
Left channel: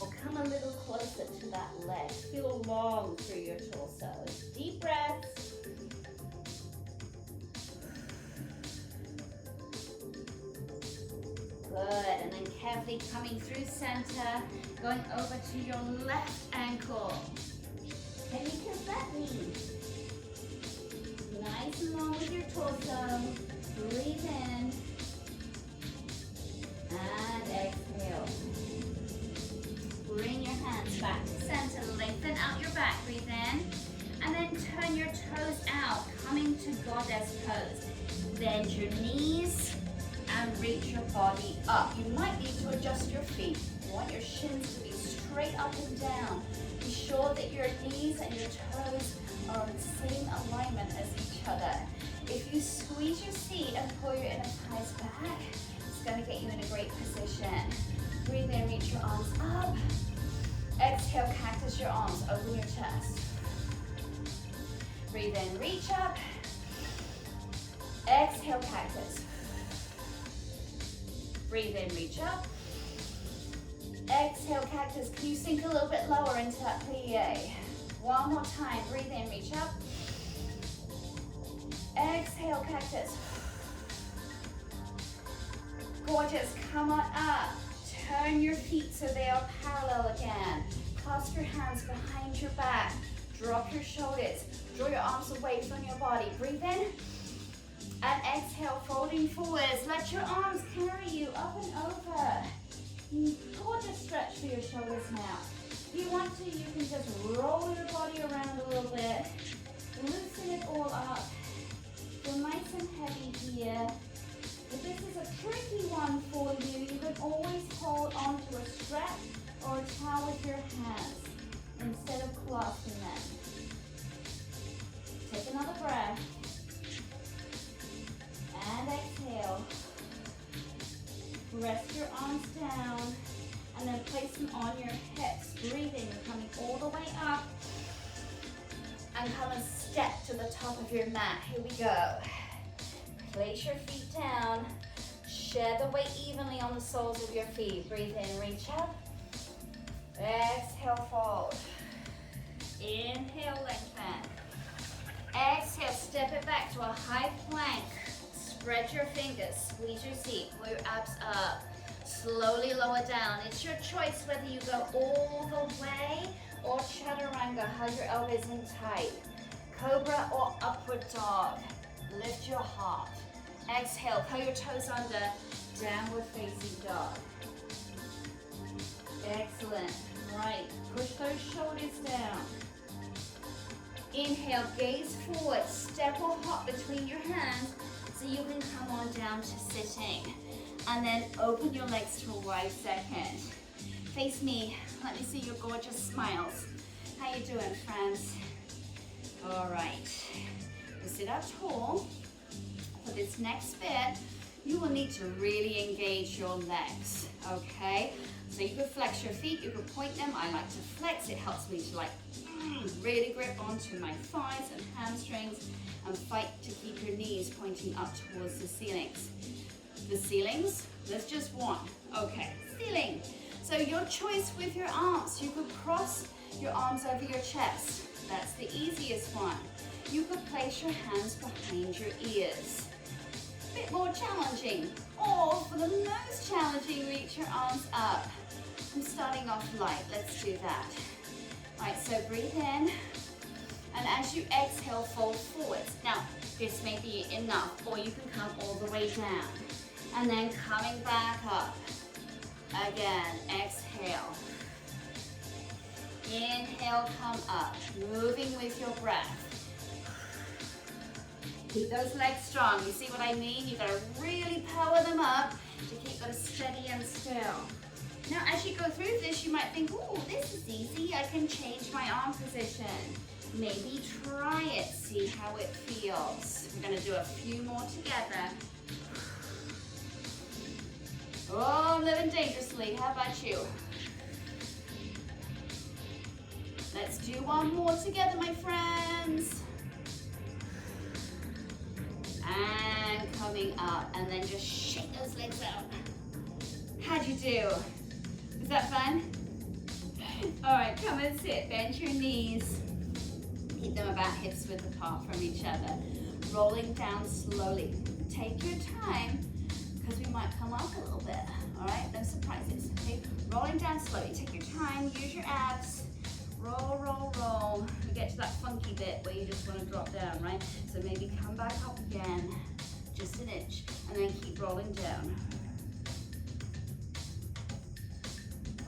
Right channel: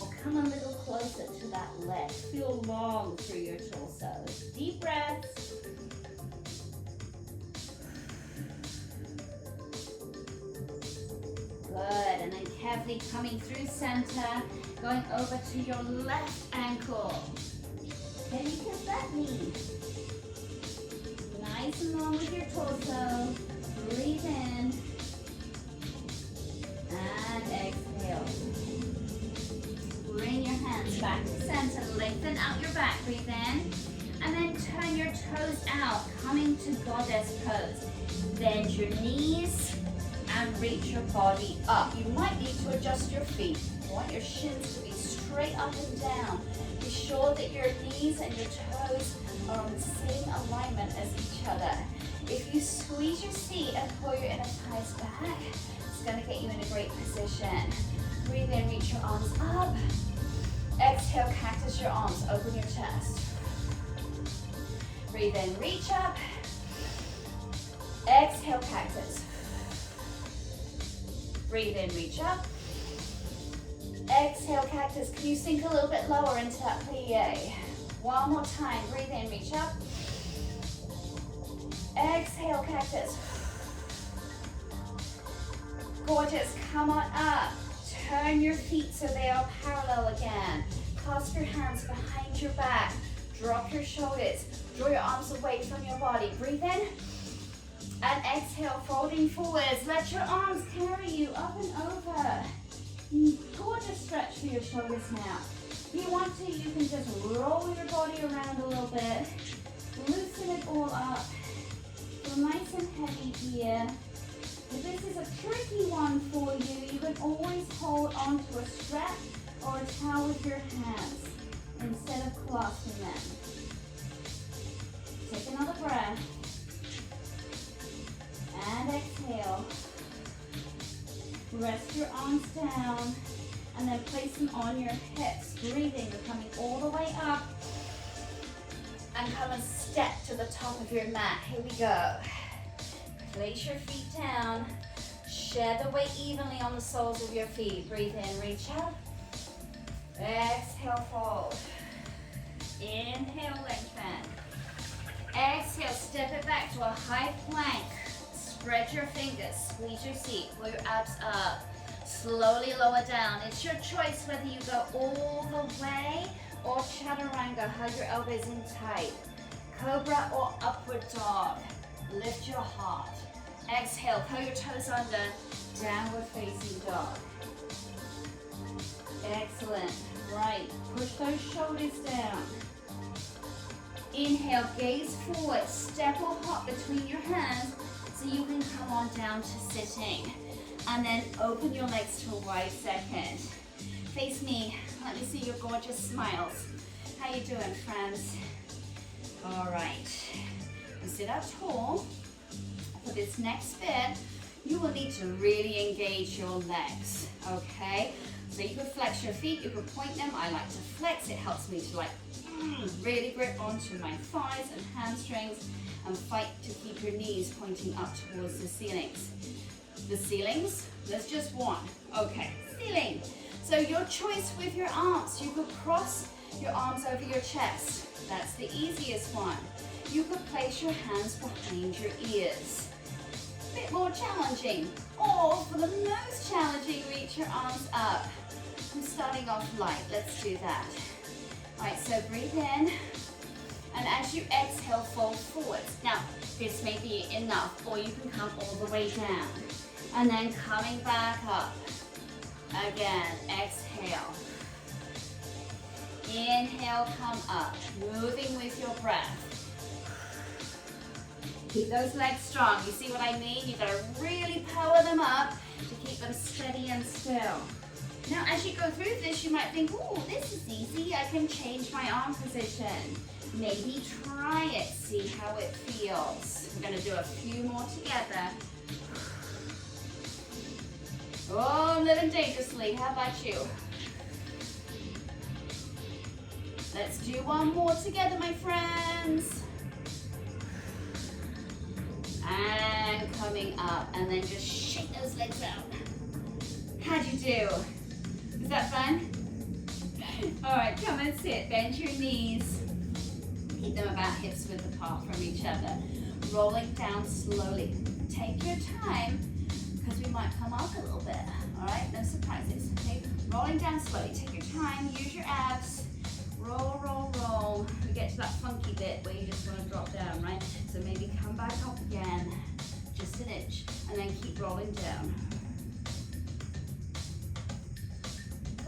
Or come a little closer to that leg. Feel long through your torso. Deep breaths. Good, and then carefully coming through center, going over to your left ankle. Can you kiss that knee? Nice and long with your torso. Breathe in. And exhale. Bring your hands back to center. Lengthen out your back. Breathe in. And then turn your toes out, coming to goddess pose. Bend your knees and reach your body up. You might need to adjust your feet. You want your shins to be straight up and down. Be sure that your knees and your toes are on the same alignment as each other. If you squeeze your seat and pull your inner thighs back, it's going to get you in a great position. Breathe in, reach your arms up. Exhale, cactus your arms, open your chest. Breathe in, reach up. Exhale, cactus. Breathe in, reach up. Exhale, cactus. Can you sink a little bit lower into that plie? One more time. Breathe in, reach up. Exhale, cactus. Gorgeous. Come on up. Turn your feet so they are parallel again. Clasp your hands behind your back. Drop your shoulders. Draw your arms away from your body. Breathe in. And exhale, folding forwards. Let your arms carry you up and over. Gorgeous stretch for your shoulders now. If you want to, you can just roll your body around a little bit. Loosen it all up. Feel nice and heavy here. If this is a tricky one for you, you can always hold onto a strap or a towel with your hands instead of clasping them. Take another breath. And exhale. Rest your arms down and then place them on your hips. Breathing, you're coming all the way up. And come and step to the top of your mat. Here we go. Place your feet down. Share the weight evenly on the soles of your feet. Breathe in, reach up. Exhale, fold. Inhale, lengthen. Exhale, step it back to a high plank. Spread your fingers, squeeze your seat, pull your abs up. Slowly lower down. It's your choice whether you go all the way or chaturanga, hug your elbows in tight. Cobra or upward dog. Lift your heart. Exhale, pull your toes under, downward facing dog. Excellent. Right, push those shoulders down. Inhale, gaze forward, step or hop between your hands so you can come on down to sitting. And then open your legs to a wide second. Face me, let me see your gorgeous smiles. How you doing, friends? All right, sit up tall. For this next bit, you will need to really engage your legs, okay? So you could flex your feet, you could point them. I like to flex, it helps me to like really grip onto my thighs and hamstrings and fight to keep your knees pointing up towards the ceilings. The ceilings, there's just one. Okay, ceiling. So your choice with your arms, you could cross your arms over your chest. That's the easiest one. You could place your hands behind your ears. A bit more challenging. Or for the most challenging, reach your arms up. I'm starting off light, let's do that. All right, so breathe in. And as you exhale, fold forwards. Now, this may be enough, or you can come all the way down. And then coming back up. Again, exhale. Inhale, come up. Moving with your breath. Keep those legs strong. You see what I mean? You gotta really power them up to keep them steady and still. Now, as you go through this, you might think, oh, this is easy. I can change my arm position. Maybe try it, see how it feels. We're gonna do a few more together. Oh, I'm living dangerously. How about you? Let's do one more together, my friends. And coming up, and then just shake those legs out. How'd you do? Is that fun? All right, come and sit. Bend your knees. Keep them about hips width apart from each other. Rolling down slowly. Take your time, because we might come up a little bit. All right, no surprises. Okay, rolling down slowly. Take your time. Use your abs. Roll, roll, roll. We get to that funky bit where you just want to drop down, right? So maybe come back up again, just an inch, and then keep rolling down.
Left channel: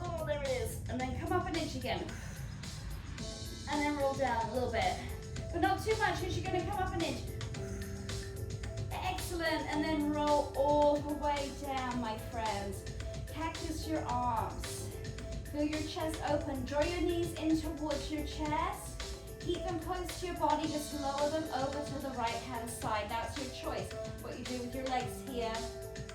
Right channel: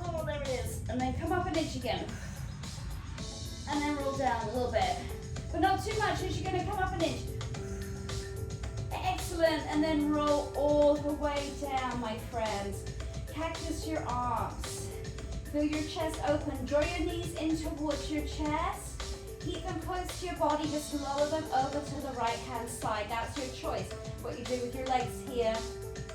Oh, there it is. And then come up an inch again. And then roll down a little bit. But not too much, because you're going to come up an inch. Excellent. And then roll all the way down, my friends. Cactus your arms. Feel your chest open. Draw your knees in towards your chest. Keep them close to your body. Just lower them over to the right-hand side. That's your choice. What you do with your legs here.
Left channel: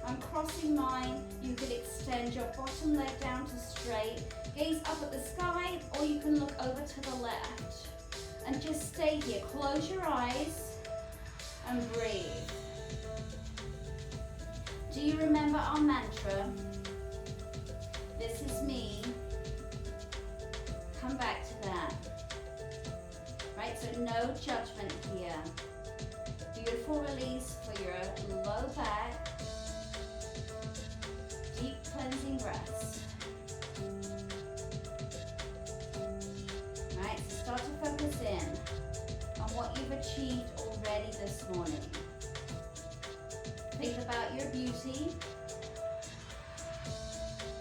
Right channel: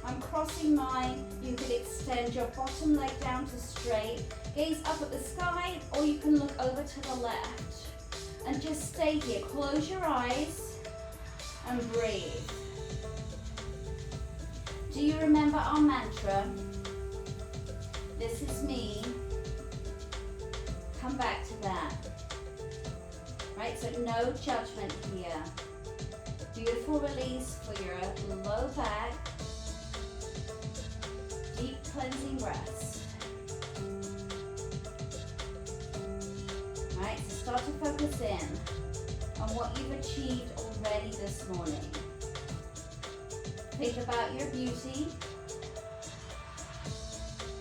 I'm crossing mine. You could extend your bottom leg down to straight. Gaze up at the sky, or you can look over to the left. And just stay here. Close your eyes and breathe. Do you remember our mantra? This is me. Come back to that. Right, so no judgment here. Beautiful release for your low back. Deep cleansing breaths. Right, so start to focus in on what you've achieved already this morning. Think about your beauty.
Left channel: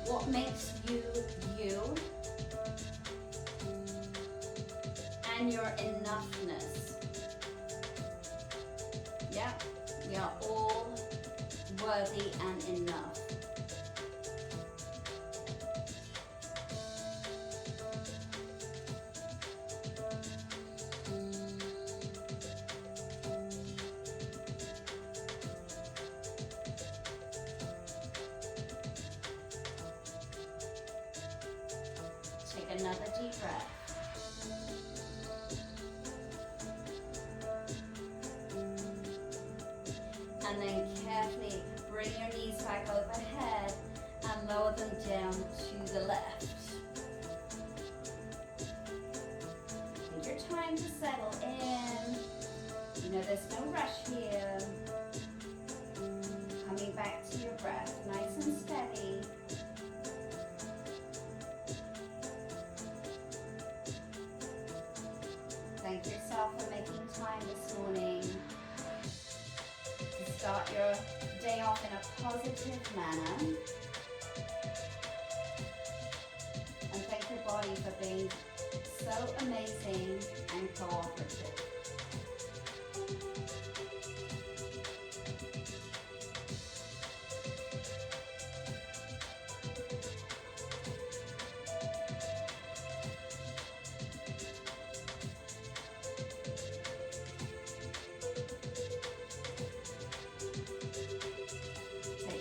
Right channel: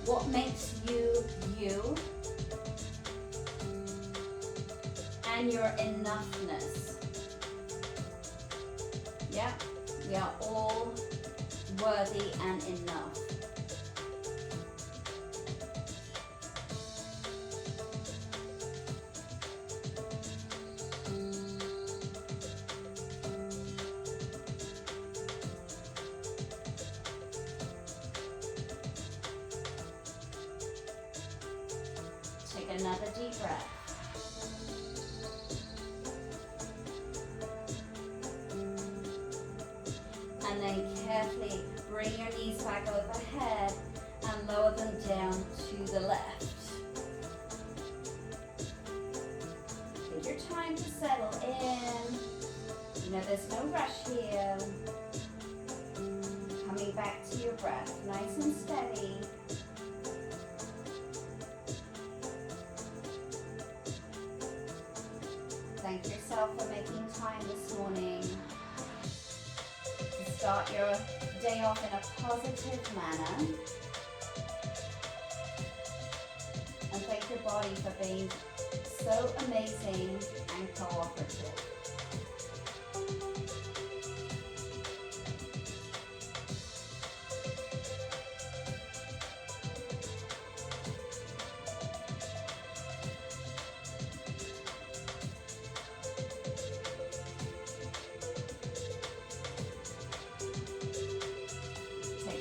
What makes you, you. And your enoughness. Yeah, we are all worthy and enough. Take another deep breath. And then carefully bring your knees back overhead and lower them down to the left. rush here. Coming back to your breath, nice and steady. Thank yourself for making time this morning to start your day off in a positive manner. And thank your body for being so amazing and cooperative.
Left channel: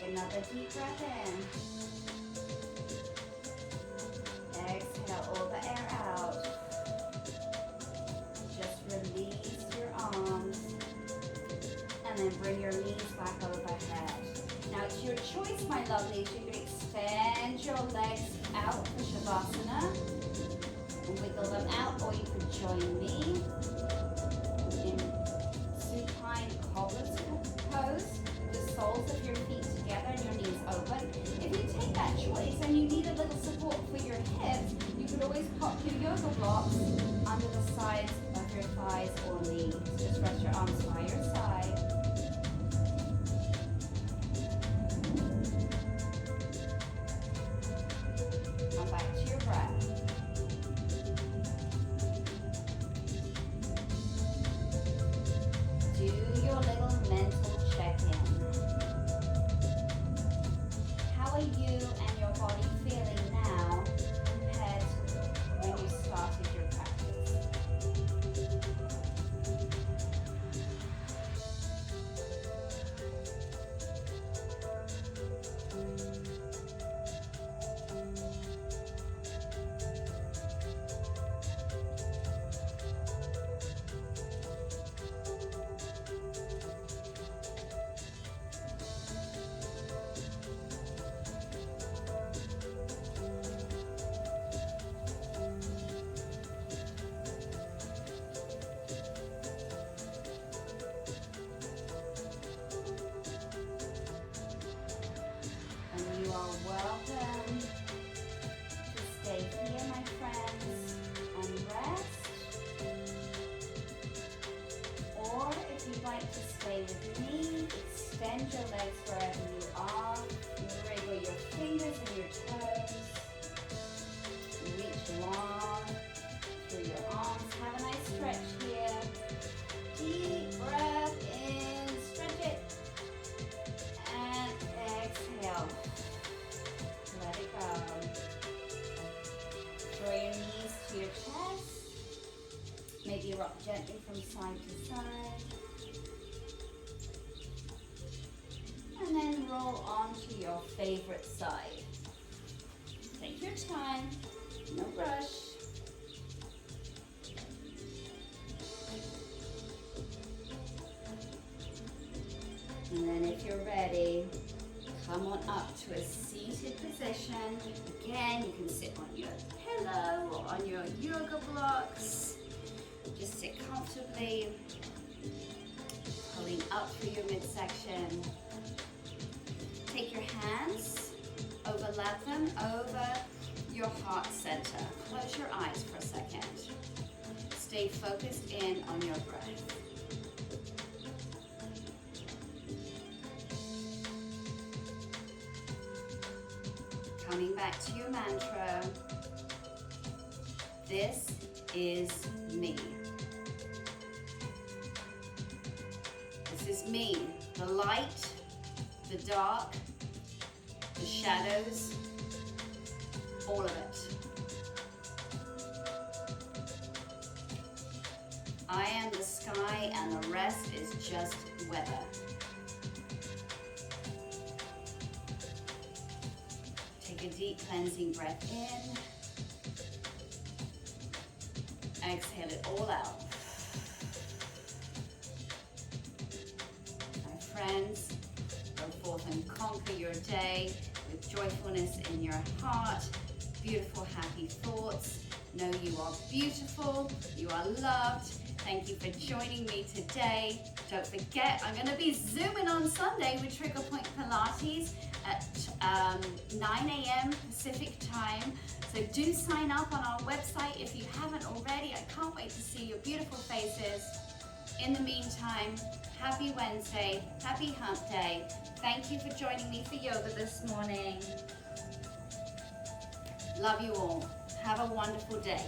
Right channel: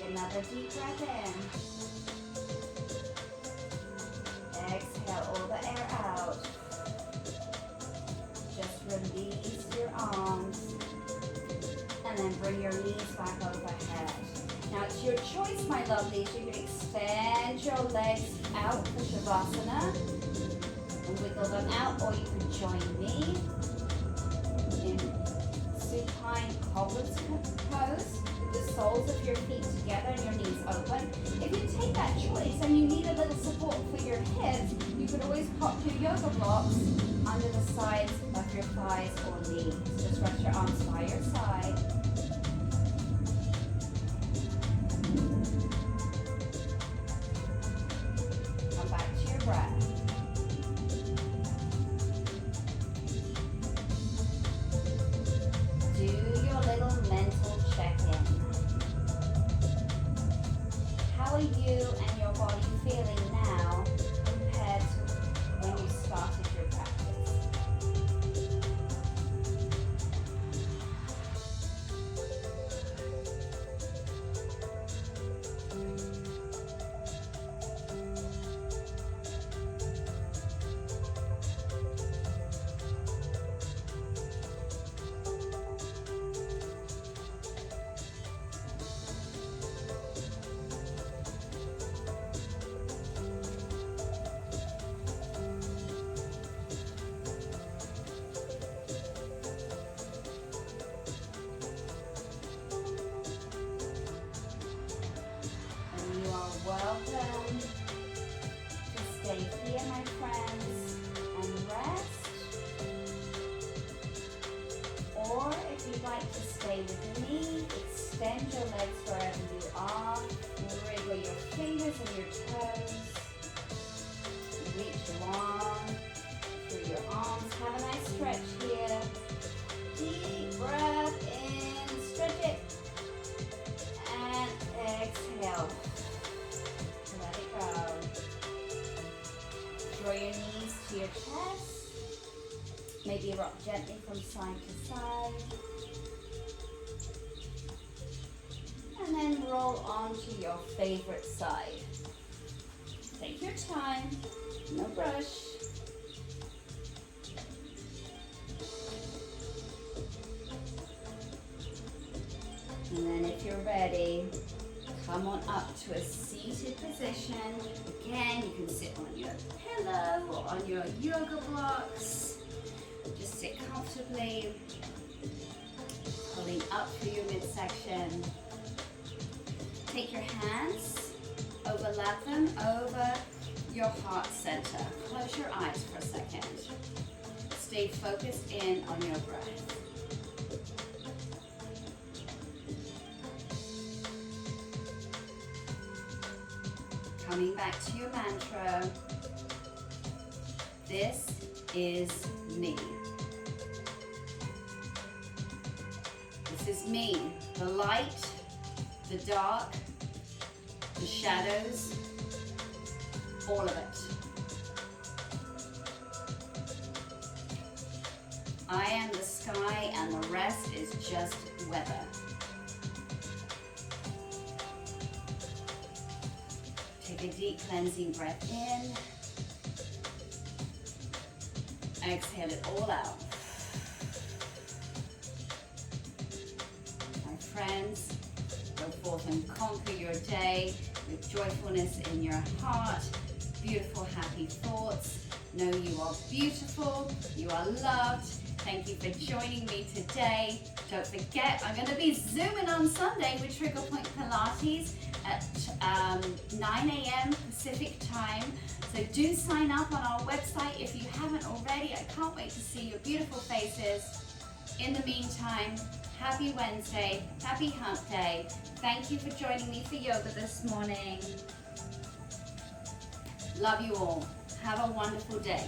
Another deep breath in. Exhale all the air out. Just release your arms and then bring your knees back overhead. Now it's your choice, my lovelies. You can extend your legs out for Shavasana and wiggle them out, or you could join me in supine cobbler's pose. The soles of your feet together and your knees open. If you take that choice and you need a little support for your hips, you could always pop your yoga blocks under the sides of your thighs or knees. Just rest your arms by your side. Come back to your breath. Do your little mental check-in. How are you and your body feeling now compared to when you started your practice? Welcome to stay here, my friends, and rest. Or if you'd like to stay with me, extend your legs wherever you are. Wriggle your fingers and your toes. Reach long through your arms. Have a nice stretch here. Deep breath in, stretch it. And exhale. Let it go. Draw your knees to your chest. Maybe rock gently from side to side. And then roll onto your favorite side. Take your time, no rush. And then if you're ready, come on up to a seated position. Again, you can sit on your pillow or on your yoga blocks. Just sit comfortably, pulling up through your midsection. Take your hands, overlap them over your heart center. Close your eyes for a second. Stay focused in on your breath. Coming back to your mantra, this is me. This is me, the light, the dark, the shadows, all of it. I am the sky and the rest is just weather. Take a deep cleansing breath in. Exhale it all out. My friends, go forth and conquer your day with joyfulness in your heart, beautiful, happy thoughts. Know you are beautiful, you are loved. Thank you for joining me today. Don't forget, I'm going to be Zooming on Sunday with Trigger Point Pilates at 9 a.m. Pacific time. So do sign up on our website if you haven't already. I can't wait to see your beautiful faces. In the meantime, happy Wednesday, happy hump day. Thank you for joining me for yoga this morning. Love you all. Have a wonderful day.